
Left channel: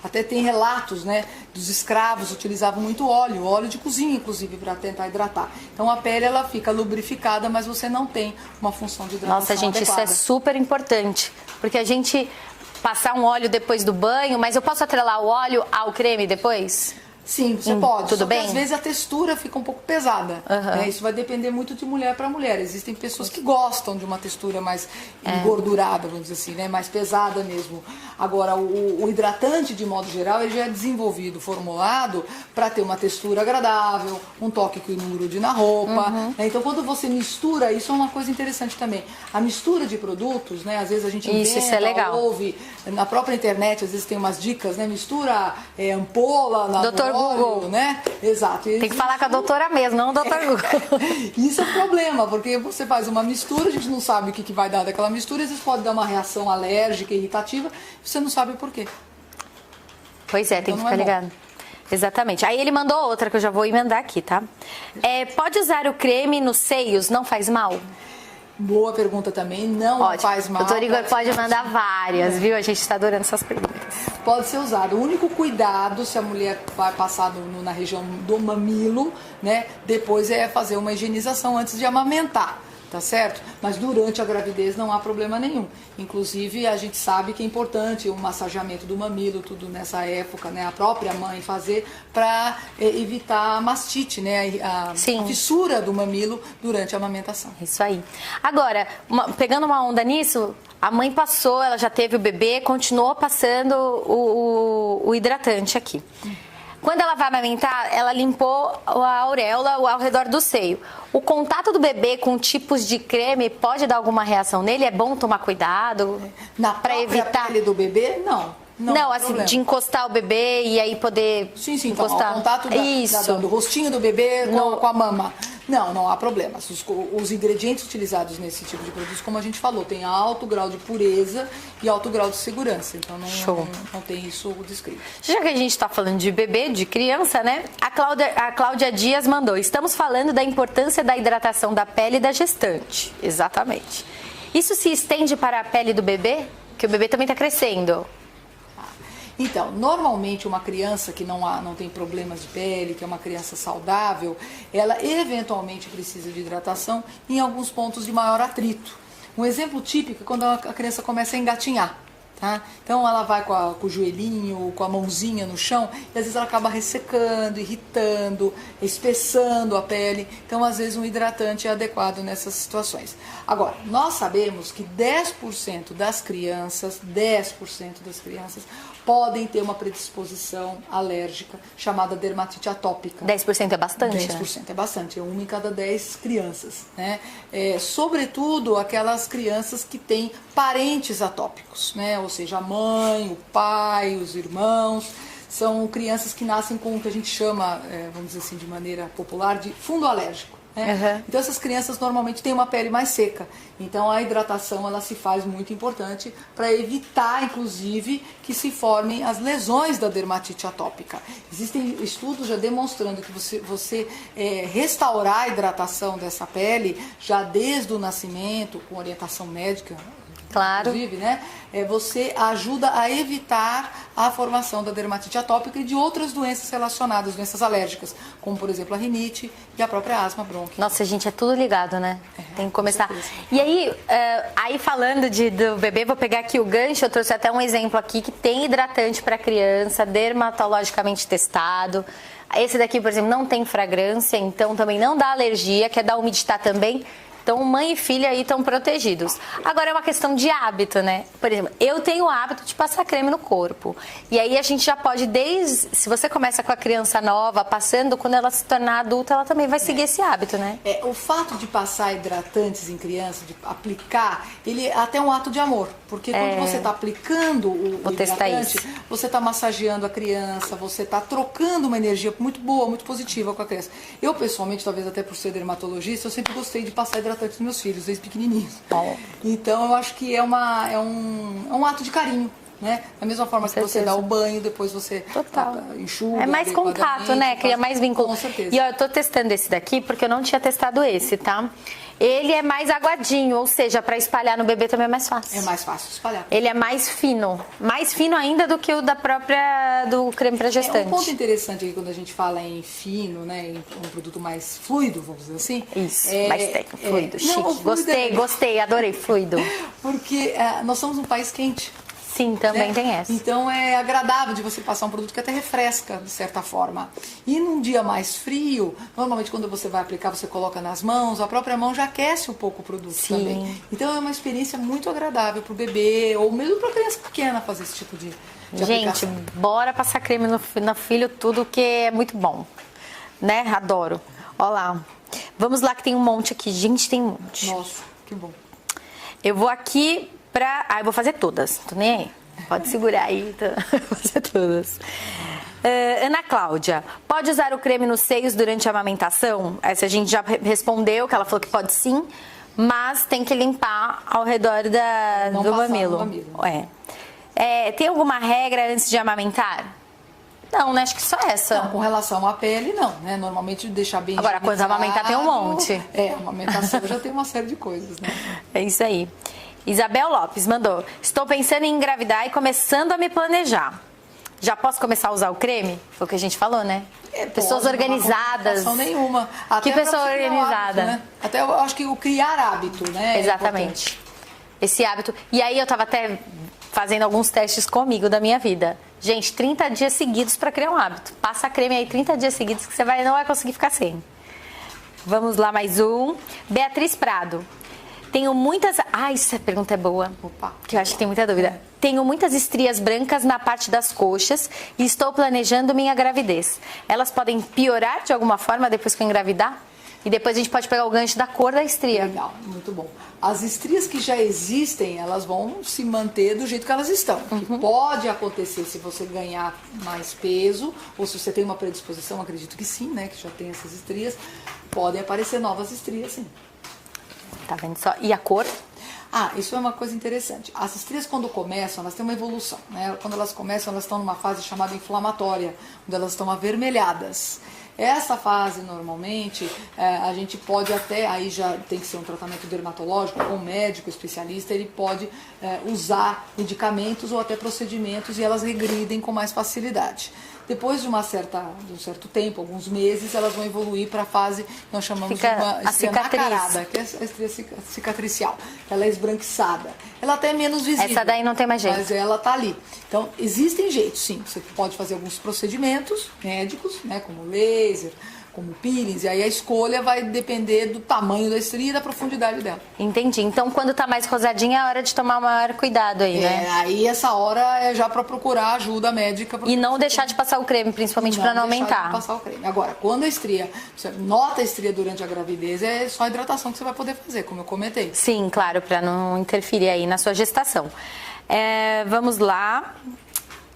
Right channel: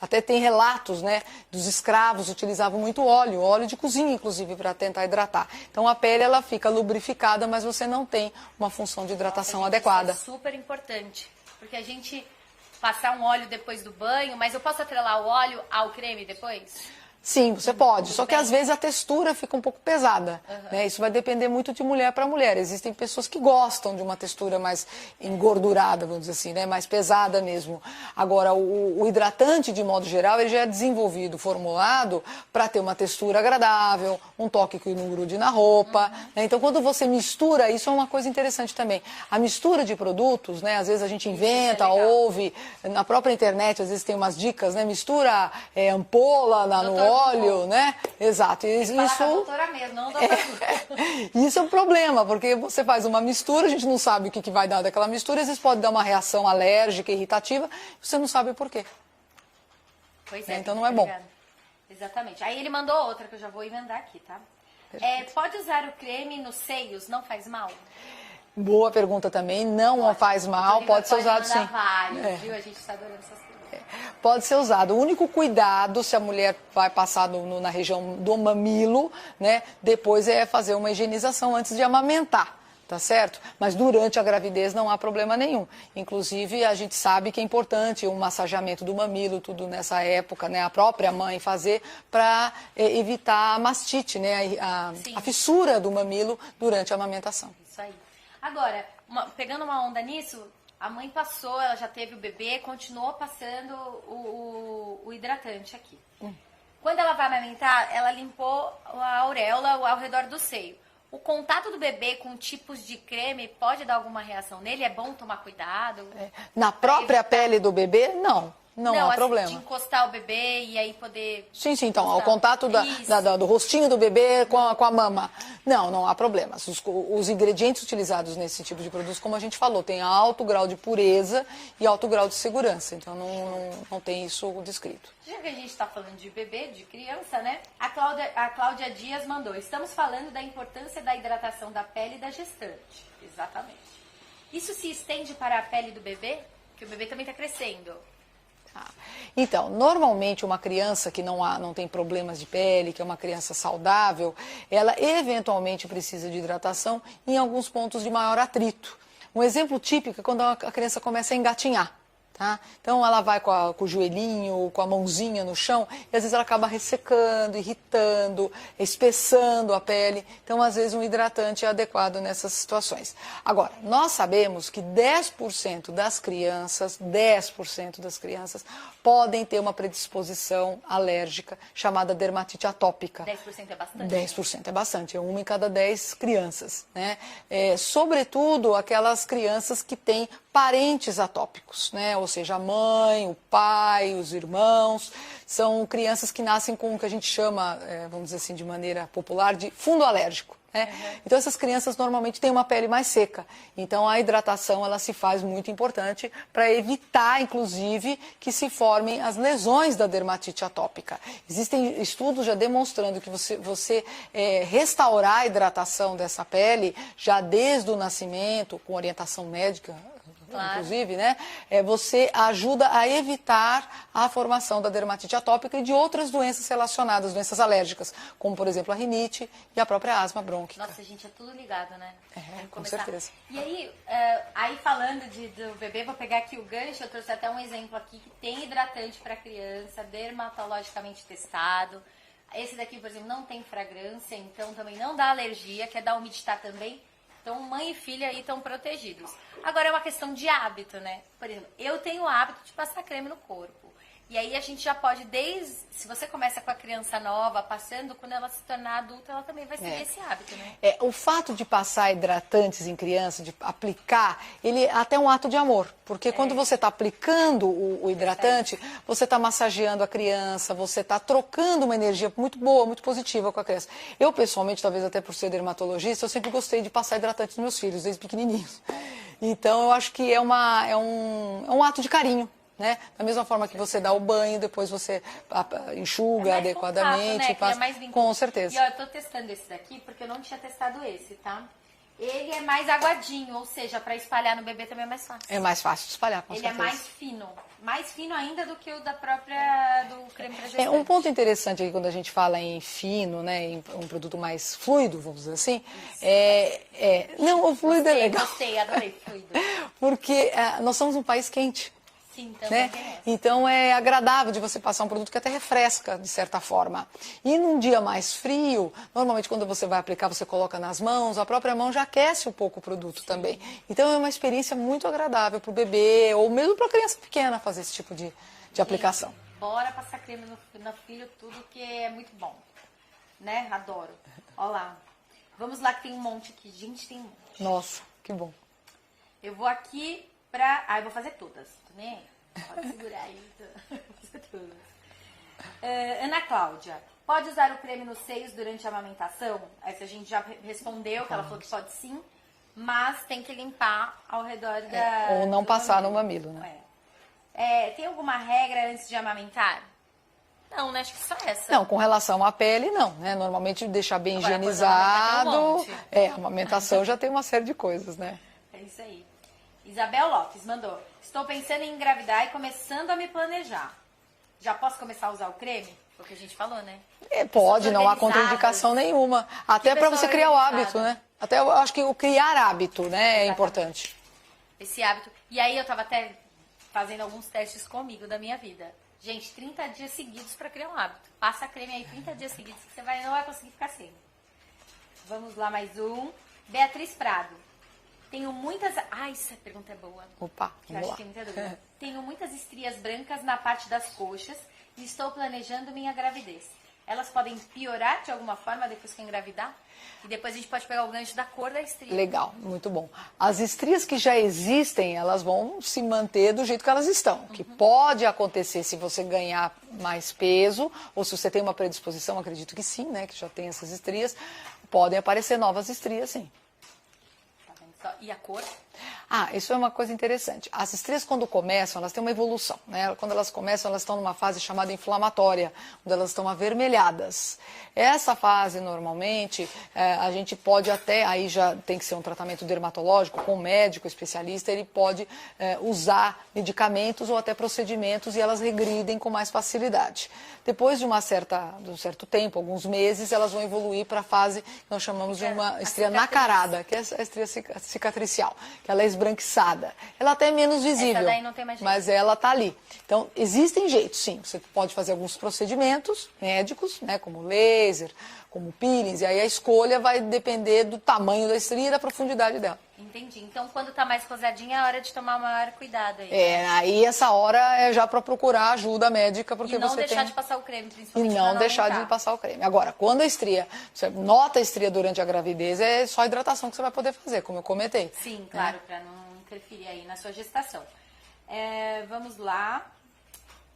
Até tem relatos, né, dos escravos utilizavam muito óleo de cozinha, inclusive, para tentar hidratar. Então, a pele, ela fica lubrificada, mas você não tem uma função de hidratação Nossa, gente, adequada. isso é super importante, porque a gente passar um óleo depois do banho, mas eu posso atrelar o óleo ao creme depois? Sim, você pode, tudo só que bem? às vezes a textura fica um pouco pesada. Né? Isso vai depender muito de mulher para mulher. Existem pessoas que gostam de uma textura mais engordurada, vamos dizer assim, né? Mais pesada mesmo. Agora, o hidratante, de modo geral, ele já é desenvolvido, formulado para ter uma textura agradável, um toque que não grude na roupa. Né? Então, quando você mistura, isso é uma coisa interessante também. A mistura de produtos, né? Às vezes a gente inventa, ouve, na própria internet, às vezes tem umas dicas, né? Mistura ampola no óleo, né? Exato. Tem que falar com a doutora mesmo, não o doutor Google. Isso é problema, porque você faz uma mistura, a gente não sabe o que vai dar daquela mistura, às vezes pode dar uma reação alérgica, irritativa, você não sabe por quê. Pois é, então, tem que ficar ligado. Exatamente. Aí ele mandou outra que eu já vou emendar aqui, tá? Pode usar o creme nos seios, não faz mal? Boa pergunta também, não faz mal. Doutor Igor pode usado, mandar sim. várias, viu? A gente está adorando essas perguntas. Pode ser usado. O único cuidado, se a mulher vai passar na região do mamilo, né? Depois é fazer uma higienização antes de amamentar. Tá certo? Mas durante a gravidez não há problema nenhum. Inclusive, a gente sabe que é importante o massageamento do mamilo, tudo nessa época, né? A própria mãe fazer para evitar a mastite, né? A fissura do mamilo durante a amamentação. Isso aí. Agora, pegando uma onda nisso, a mãe passou, ela já teve o bebê, continuou passando o hidratante aqui. Quando ela vai amamentar, ela limpou a auréola ao redor do seio. O contato do bebê com tipos de creme pode dar alguma reação nele? É bom tomar cuidado? Na própria pele do bebê, não. Não, há assim, problema. de encostar o bebê e aí poder Sim, então, encostar. ao contato do rostinho do bebê com a mama. Não há problema. Os ingredientes utilizados nesse tipo de produto, como a gente falou, tem alto grau de pureza e alto grau de segurança. Então, não tem isso descrito. Já que a gente está falando de bebê, de criança, né? A Cláudia Dias mandou: estamos falando da importância da hidratação da pele da gestante. Exatamente. Isso se estende para a pele do bebê? Que o bebê também está crescendo. Então, normalmente uma criança que não tem problemas de pele, que é uma criança saudável, ela eventualmente precisa de hidratação em alguns pontos de maior atrito. Um exemplo típico é quando a criança começa a engatinhar. Tá? Então ela vai com o joelhinho, com a mãozinha no chão, e às vezes ela acaba ressecando, irritando, espessando a pele. Então, às vezes, um hidratante é adequado nessas situações. Agora, nós sabemos que 10% das crianças podem ter uma predisposição alérgica chamada dermatite atópica. 10% é bastante, 10% né? é bastante, é 1 em cada 10 crianças. Né? Sobretudo aquelas crianças que têm parentes atópicos, né? Ou seja, a mãe, o pai, os irmãos. São crianças que nascem com o que a gente chama, vamos dizer assim, de maneira popular, de fundo alérgico. Né? Então essas crianças normalmente têm uma pele mais seca, então a hidratação ela se faz muito importante para evitar, inclusive, que se formem as lesões da dermatite atópica. Existem estudos já demonstrando que você restaurar a hidratação dessa pele já desde o nascimento, com orientação médica, claro. Inclusive, né? Você ajuda a evitar a formação da dermatite atópica e de outras doenças relacionadas, doenças alérgicas, como, por exemplo, a rinite e a própria asma bronquial. Nossa, gente, é tudo ligado, né? Tem que começar. E aí falando do bebê, vou pegar aqui o gancho, eu trouxe até um exemplo aqui que tem hidratante para criança, dermatologicamente testado. Esse daqui, por exemplo, não tem fragrância, então também não dá alergia, quer dar umidade também. Então, mãe e filha aí estão protegidos. Agora, é uma questão de hábito, né? Por exemplo, eu tenho o hábito de passar creme no corpo. E aí, a gente já pode, se você começa com a criança nova, passando, quando ela se tornar adulta, ela também vai seguir esse hábito, né? O fato de passar hidratantes em criança, de aplicar, ele é até um ato de amor. Porque quando você está aplicando o hidratante, você está massageando a criança, você está trocando uma energia muito boa, muito positiva com a criança. Eu, pessoalmente, talvez até por ser dermatologista, eu sempre gostei de passar hidratante nos meus filhos, desde pequenininhos. Então, eu acho que é um ato de carinho, né? Da mesma forma que você dá o banho, depois você enxuga. É mais contato, né? Cria mais vínculo. Com certeza. E eu tô testando esse daqui porque eu não tinha testado esse, tá? Ele é mais aguadinho, ou seja, para espalhar no bebê também é mais fácil. É mais fácil de espalhar. Ele é mais fino ainda do que o do creme para gestante. Um ponto interessante aqui quando a gente fala em fino, né, em um produto mais fluido, vamos dizer assim. Isso, mais técnico, fluido, chique. Gostei, adorei, fluido. Porque nós somos um país quente. Sim, também tem essa. Então é agradável de você passar um produto que até refresca, de certa forma. E num dia mais frio, normalmente quando você vai aplicar, você coloca nas mãos, a própria mão já aquece um pouco o produto também. Então é uma experiência muito agradável para o bebê, ou mesmo para a criança pequena fazer esse tipo de aplicação. Gente, bora passar creme no filho, tudo que é muito bom. Né? Adoro. Olha lá. Vamos lá que tem um monte aqui. Gente, tem um monte. Nossa, que bom. Eu vou aqui eu vou fazer todas, tô nem aí. Pode segurar aí, vou fazer todas. Ana Cláudia, pode usar o creme nos seios durante a amamentação? Essa a gente já respondeu, que ela falou que pode sim, mas tem que limpar ao redor do mamilo. Tem alguma regra antes de amamentar? Não, né? Acho que só essa. Não, com relação à pele, não. Né? Normalmente deixar bem higienizado. Agora, quando amamentar tem um monte. A amamentação já tem uma série de coisas, né? É isso aí. Isabel Lopes mandou: estou pensando em engravidar e começando a me planejar. Já posso começar a usar o creme? Foi o que a gente falou, né? Pessoas organizadas. Não há contraindicação nenhuma. Até para você criar o hábito, né? Até eu acho que o criar hábito, né? Exatamente. Esse hábito. E aí eu estava até fazendo alguns testes comigo da minha vida. Gente, 30 dias seguidos para criar um hábito. Passa creme aí 30 dias seguidos que você não vai conseguir ficar sem. Vamos lá, mais um. Beatriz Prado. Tenho muitas... essa pergunta é boa. Opa, que eu acho que tem muita dúvida. Tenho muitas estrias brancas na parte das coxas e estou planejando minha gravidez. Elas podem piorar de alguma forma depois que eu engravidar? E depois a gente pode pegar o gancho da cor da estria. Legal, muito bom. As estrias que já existem, elas vão se manter do jeito que elas estão. O que pode acontecer se você ganhar mais peso, ou se você tem uma predisposição, acredito que sim, né, que já tem essas estrias, podem aparecer novas estrias, sim. Tá vendo só? E a cor? Ah, isso é uma coisa interessante. As estrias, quando começam, elas têm uma evolução, né? Quando elas começam, elas estão numa fase chamada inflamatória, onde elas estão avermelhadas. Essa fase, normalmente, a gente pode até, aí já tem que ser um tratamento dermatológico, com um médico especialista, ele pode usar medicamentos ou até procedimentos e elas regridem com mais facilidade. Depois de um certo tempo, alguns meses, elas vão evoluir para a fase que nós chamamos de uma estria macarada, que é a estria cicatricial. Ela é esbranquiçada. Ela até é menos visível. Essa daí não tem mais jeito. Mas ela está ali. Então, existem jeitos, sim. Você pode fazer alguns procedimentos médicos, né, como laser, como peelings, e aí a escolha vai depender do tamanho da estria e da profundidade dela. Entendi. Então, quando tá mais rosadinha, é hora de tomar maior cuidado aí, né? Aí essa hora é já para procurar ajuda médica. E não deixar de passar o creme, principalmente para não aumentar. Não deixar de passar o creme. Agora, quando a estria, você nota a estria durante a gravidez, é só hidratação que você vai poder fazer, como eu comentei. Sim, claro, para não interferir aí na sua gestação. Vamos lá.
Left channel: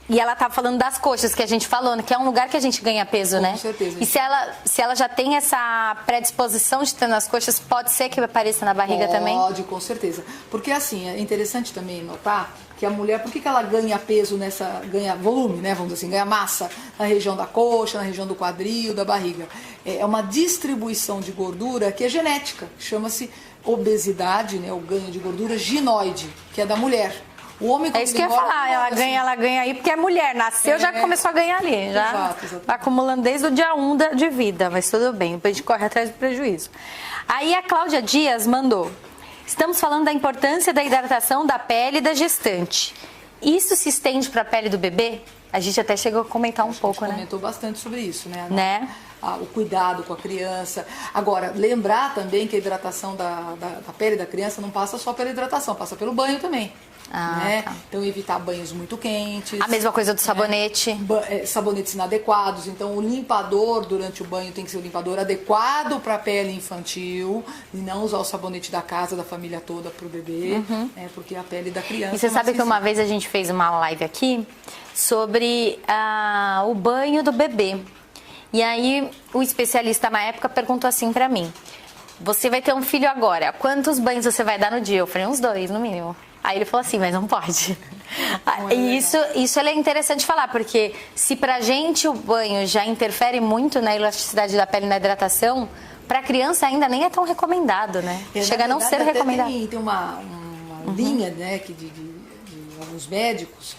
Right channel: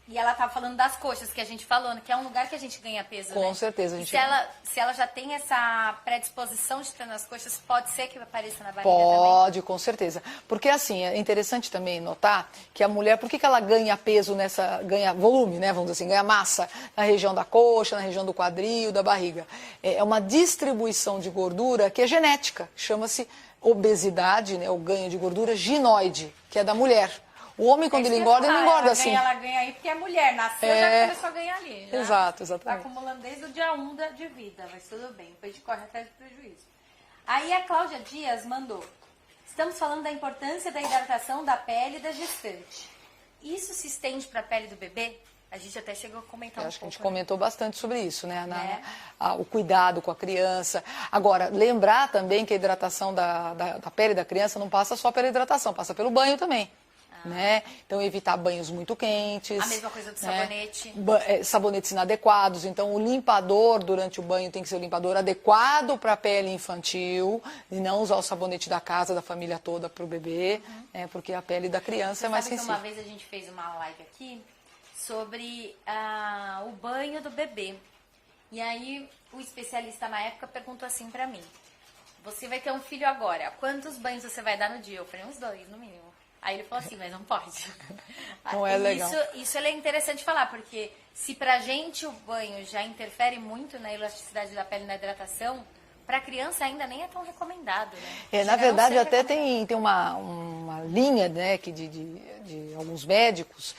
E ela tá falando das coxas que a gente falou, né? Que é um lugar que a gente ganha peso, né? Com certeza. E se ela já tem essa predisposição de ter nas coxas, pode ser que apareça na barriga também? Pode, com certeza. Porque assim, é interessante também notar que a mulher, por que ela ganha peso ganha volume, né? Vamos dizer assim, ganha massa na região da coxa, na região do quadril, da barriga. É uma distribuição de gordura que é genética. Chama-se obesidade, né? O ganho de gordura ginoide, que é da mulher. O homem, quando ele engorda, não engorda assim. Ela ganha aí porque é mulher, nasceu, já começou a ganhar ali. Já exatamente. Tá acumulando desde o dia 1 de vida, mas tudo bem, depois a gente corre atrás do prejuízo. Aí a Cláudia Dias mandou: estamos falando da importância da hidratação da pele da gestante. Isso se estende para a pele do bebê? A gente até chegou a comentar um pouco, né? A gente comentou bastante sobre isso, né? O cuidado com a criança. Agora, lembrar também que a hidratação da pele da criança não passa só pela hidratação, passa pelo banho também. Né? Tá. Então, evitar banhos muito quentes. A mesma coisa do sabonete. Sabonetes inadequados. Então, o limpador durante o banho tem que ser um limpador adequado para a pele infantil e não usar o sabonete da casa, da família toda para o bebê, porque a pele da criança. E você sabe que uma vez a gente fez uma live aqui sobre o banho do bebê. E aí, o especialista na época perguntou assim para mim: você vai ter um filho agora, quantos banhos você vai dar no dia? Eu falei, uns 2 no mínimo. Aí ele falou assim, mas não pode. Isso é interessante falar, porque se pra gente o banho já interfere muito na elasticidade da pele e na hidratação, pra criança ainda nem é tão recomendado, né? Chega a não ser recomendado. Tem uma linha, né, de alguns médicos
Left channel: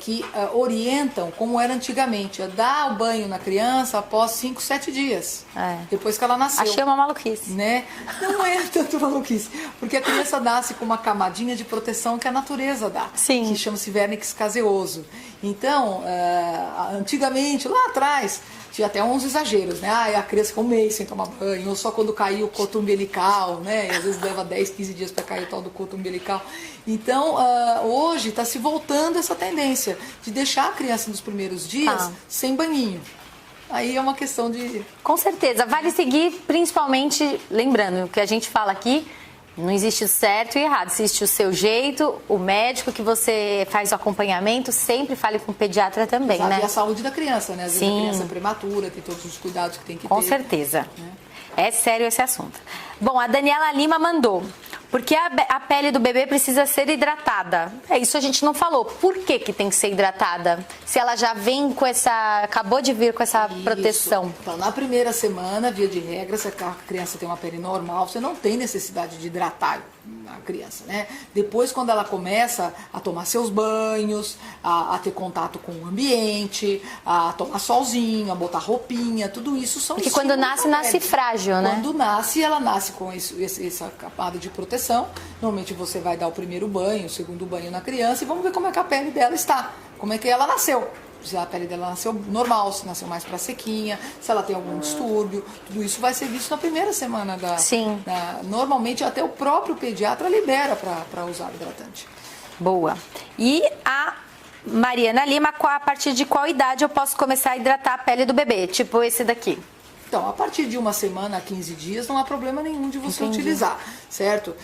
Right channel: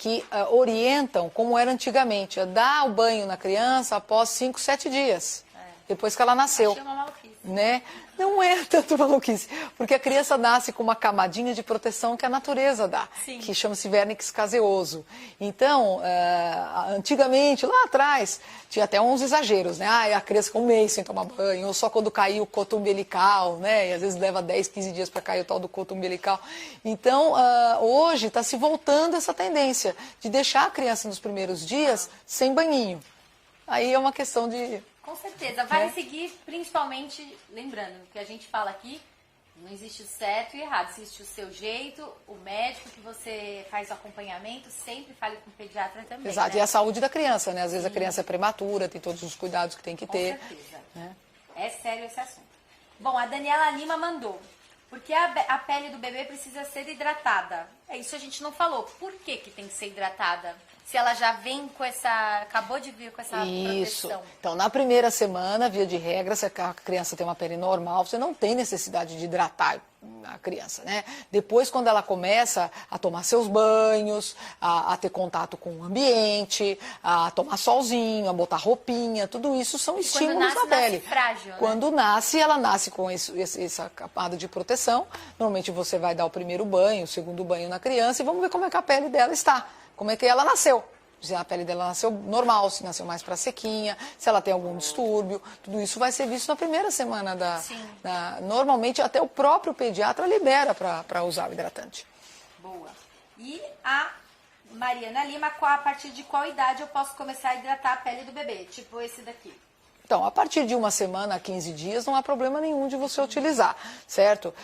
que orientam, como era antigamente, a dar o banho na criança após 5, 7 dias, depois que ela nasceu. Achei uma maluquice. Né? Não é tanto maluquice, porque a criança nasce com uma camadinha de proteção que a natureza dá, sim, que chama-se vernix caseoso. Então, antigamente, lá atrás, tinha até uns exageros, né? A criança ficou um mês sem tomar banho, só quando caiu o coto umbilical, né? E às vezes leva 10, 15 dias para cair o tal do coto umbilical. Então, hoje está se voltando essa tendência de deixar a criança nos primeiros dias sem banhinho. Aí é uma questão de... Com certeza. Vale seguir, principalmente, lembrando, o que a gente fala aqui, não existe o certo e errado, existe o seu jeito, o médico que você faz o acompanhamento, sempre fale com o pediatra também, né? E a saúde da criança, né? Às vezes a criança é prematura, tem todos os cuidados que tem que ter. Com certeza. É sério esse assunto. Bom, a Daniela Lima mandou: porque a pele do bebê precisa ser hidratada. Isso a gente não falou. Por que tem que ser hidratada? Se ela já vem com acabou de vir com essa proteção. Então, na primeira semana, via de regra, se a criança tem uma pele normal, você não tem necessidade de hidratar a criança, né? Depois, quando ela começa a tomar seus banhos, a ter contato com o ambiente, a tomar solzinho, a botar roupinha, tudo isso são estímulos. Porque quando nasce frágil, né? Quando nasce, ela nasce com essa camada de proteção. Normalmente você vai dar o primeiro banho, o segundo banho na criança e vamos ver como é que a pele dela está, como é que ela nasceu. Se a pele dela nasceu normal, se nasceu mais para sequinha, se ela tem algum distúrbio, tudo isso vai ser visto na primeira semana normalmente até o próprio pediatra libera para usar o hidratante. Boa. E a Mariana Lima, a partir de qual idade eu posso começar a hidratar a pele do bebê? Tipo esse daqui. Então, a partir de uma semana a 15 dias, não há problema nenhum de você utilizar, certo?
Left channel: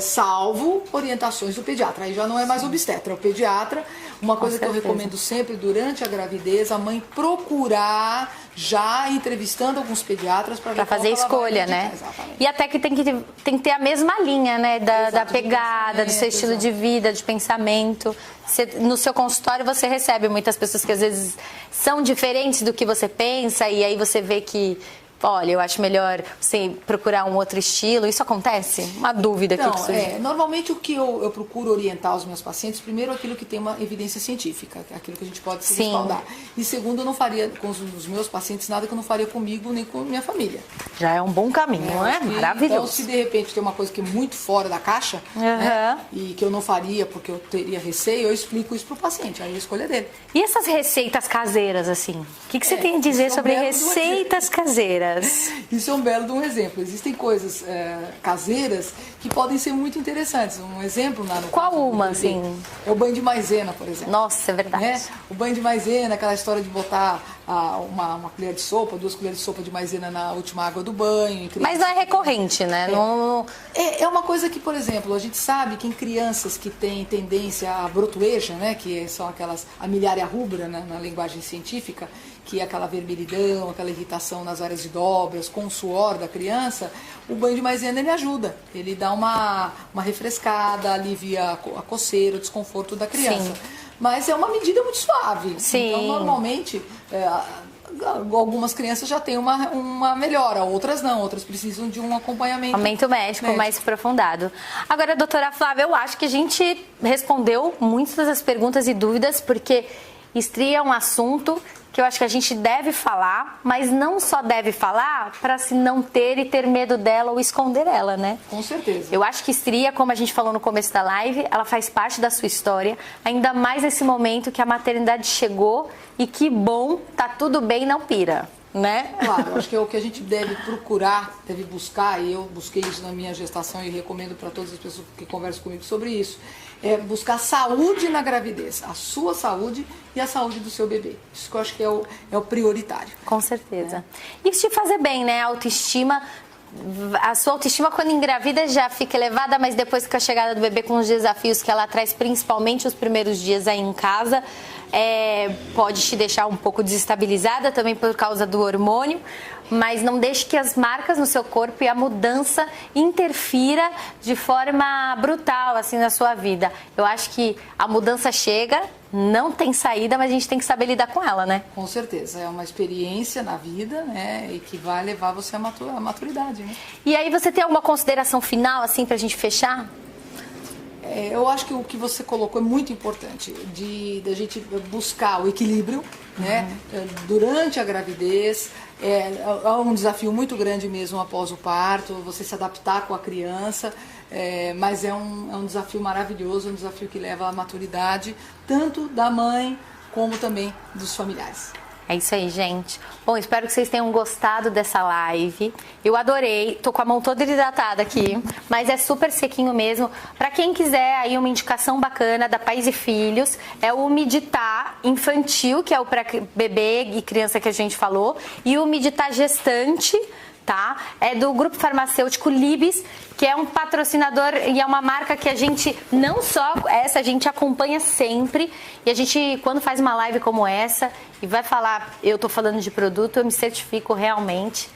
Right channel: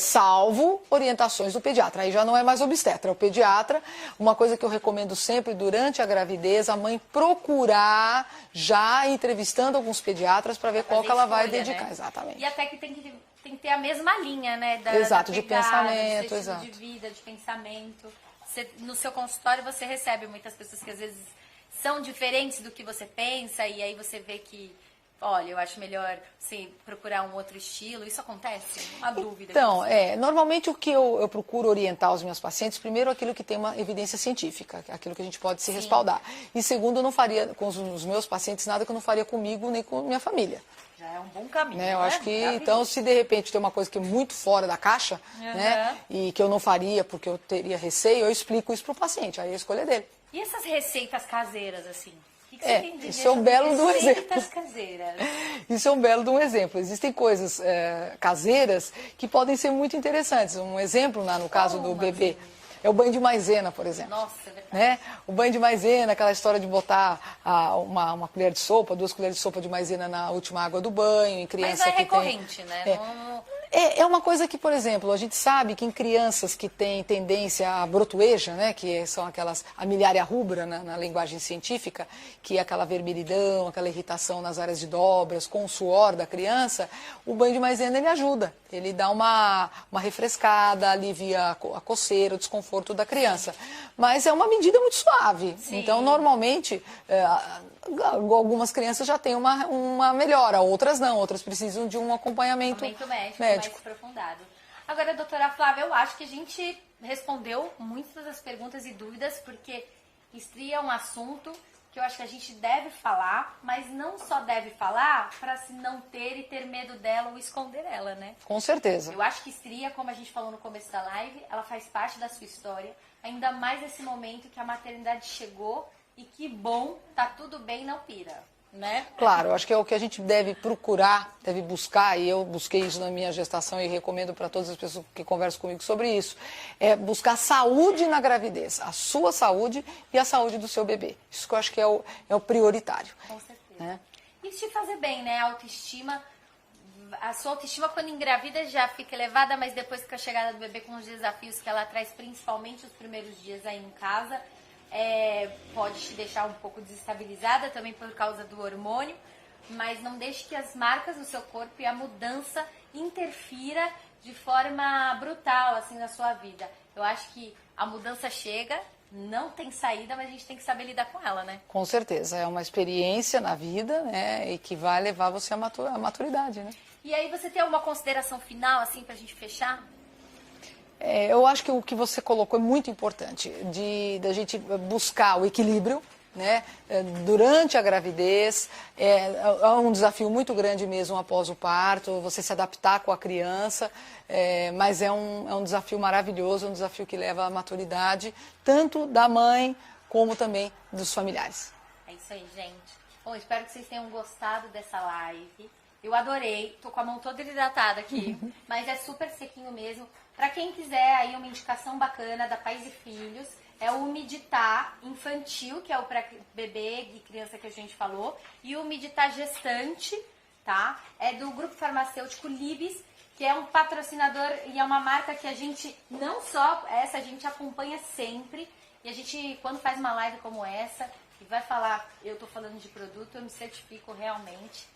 Salvo orientações do pediatra. Aí já não é mais obstetra, é o pediatra. Uma coisa que eu recomendo sempre durante a gravidez, a mãe procurar já entrevistando alguns pediatras para ver pra fazer escolha, né? Exatamente. E até que tem que ter a mesma linha, né? Da pegada, do seu estilo exato. de vida, de pensamento. No seu consultório você recebe muitas pessoas que às vezes são diferentes do que você pensa e aí você vê que, olha, eu acho melhor você procurar um outro estilo. Isso acontece? Uma dúvida então, aqui. Você... normalmente o que eu procuro orientar os meus pacientes, primeiro aquilo que tem uma evidência científica, aquilo que a gente pode se respaldar. E segundo, eu não faria com os meus pacientes nada que eu não faria comigo nem com minha família. Já é um bom caminho, não é? Maravilhoso. Então, se de repente tem uma coisa que é muito fora da caixa, né, e que eu não faria porque eu teria receio, eu explico isso para o paciente, aí a escolha é dele. E essas receitas caseiras, assim? O que você tem a dizer sobre receitas caseiras? Isso é um belo de um exemplo. Existem coisas caseiras que podem ser muito interessantes. Um exemplo, no caso do bebê, assim? é o banho de maisena, por exemplo. Nossa, é verdade. Né? O banho de maisena, aquela história de botar uma colher de sopa, 2 colheres de sopa de maisena na última água do banho. Mas é recorrente, né? É uma coisa que, por exemplo, a gente sabe que em crianças que têm tendência à brotueja, né, que são aquelas, a miliária rubra, né, na linguagem científica, que é aquela vermelhidão, aquela irritação nas áreas de dobras, com o suor da criança, o banho de maisena ele ajuda. Ele dá uma refrescada, alivia a coceira, o desconforto da criança. Sim. Mas é uma medida muito suave. Sim. Então, normalmente, algumas crianças já têm uma melhora, outras não, outras precisam de um acompanhamento médico mais aprofundado. Agora, doutora Flávia, eu acho que a gente respondeu muitas das perguntas e dúvidas, porque estria é um assunto que eu acho que a gente deve falar, mas não só deve falar para se não ter e ter medo dela ou esconder ela, né? Com certeza. Eu acho que estria, como a gente falou no começo da live, ela faz parte da sua história, ainda mais nesse momento que a maternidade chegou e que bom, tá tudo bem, não pira, né? Claro, eu acho que é o que a gente deve procurar, deve buscar, e eu busquei isso na minha gestação e recomendo para todas as pessoas que conversam comigo sobre isso, é buscar saúde na gravidez, a sua saúde e a saúde do seu bebê. Isso que eu acho que é o prioritário. Com certeza. E te fazer bem, né? A autoestima, a sua autoestima quando engravida já fica elevada, mas depois com a chegada do bebê, com os desafios que ela traz, principalmente os primeiros dias aí em casa, pode te deixar um pouco desestabilizada também por causa do hormônio, mas não deixe que as marcas no seu corpo e a mudança interfira de forma brutal assim na sua vida. Eu acho que a mudança chega, não tem saída, mas a gente tem que saber lidar com ela, né? Com certeza, é uma experiência na vida, né, e que vai levar você à maturidade, né? E aí você tem alguma consideração final assim pra gente fechar? Eu acho que o que você colocou é muito importante, da gente buscar o equilíbrio, né, durante a gravidez. É um desafio muito grande mesmo após o parto, você se adaptar com a criança, mas é um desafio maravilhoso, um desafio que leva à maturidade, tanto da mãe como também dos familiares. É isso aí, gente. Bom, espero que vocês tenham gostado dessa live. Eu adorei. Tô com a mão toda hidratada aqui, mas é super sequinho mesmo. Para quem quiser aí uma indicação bacana da Pais e Filhos, é o Umeditar Infantil, que é o para bebê e criança que a gente falou, e o Umeditar Gestante, tá? É do grupo farmacêutico Libes, que é um patrocinador e é uma marca que a gente, não só essa, a gente acompanha sempre. E a gente, quando faz uma live como essa e vai falar, eu tô falando de produto, eu me certifico realmente.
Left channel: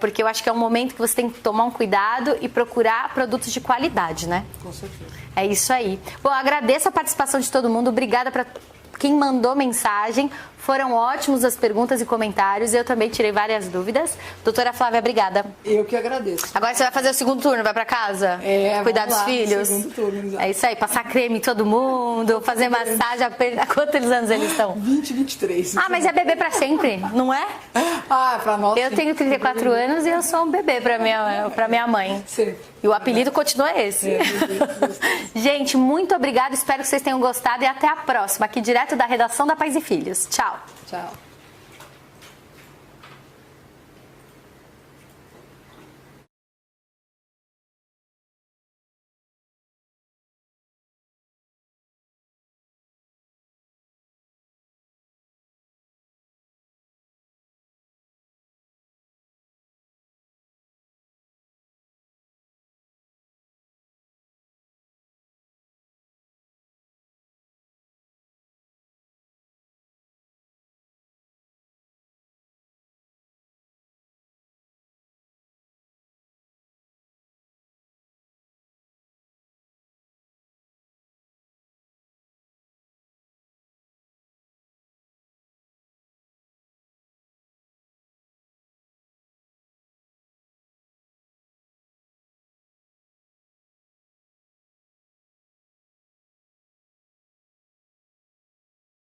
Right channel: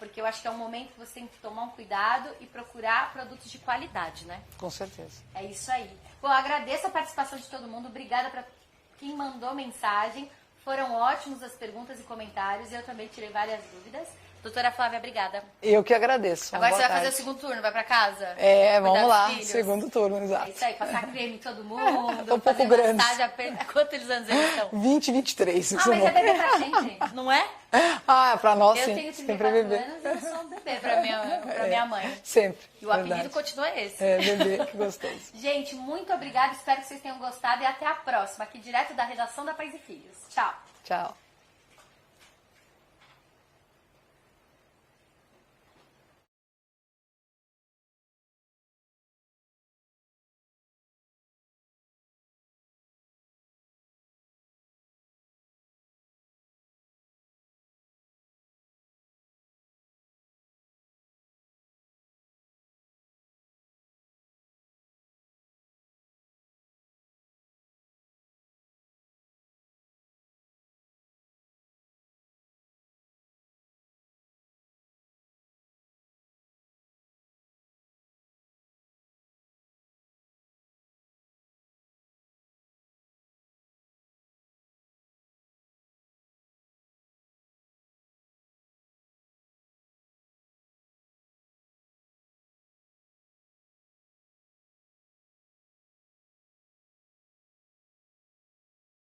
Porque eu acho que é um momento que você tem que tomar um cuidado e procurar produtos de qualidade, né? Com certeza. É isso aí. Bom, agradeço a participação de todo mundo. Obrigada para quem mandou mensagem. Foram ótimos as perguntas e comentários. Eu também tirei várias dúvidas. Doutora Flávia, obrigada. Eu que agradeço. Agora você vai fazer o segundo turno, vai pra casa? Cuidar dos filhos? Segundo turno, exato. É isso aí, passar creme em todo mundo, fazer massagem. Há quantos anos eles estão? 20, 23. Mas é bebê pra sempre, não é? Pra nós Eu tenho 34 anos e eu sou um bebê pra minha mãe. Sempre. E o apelido continua esse. Gente, muito obrigada. Espero que vocês tenham gostado e até a próxima, aqui direto da redação da Pais e Filhos. Tchau. Tchau.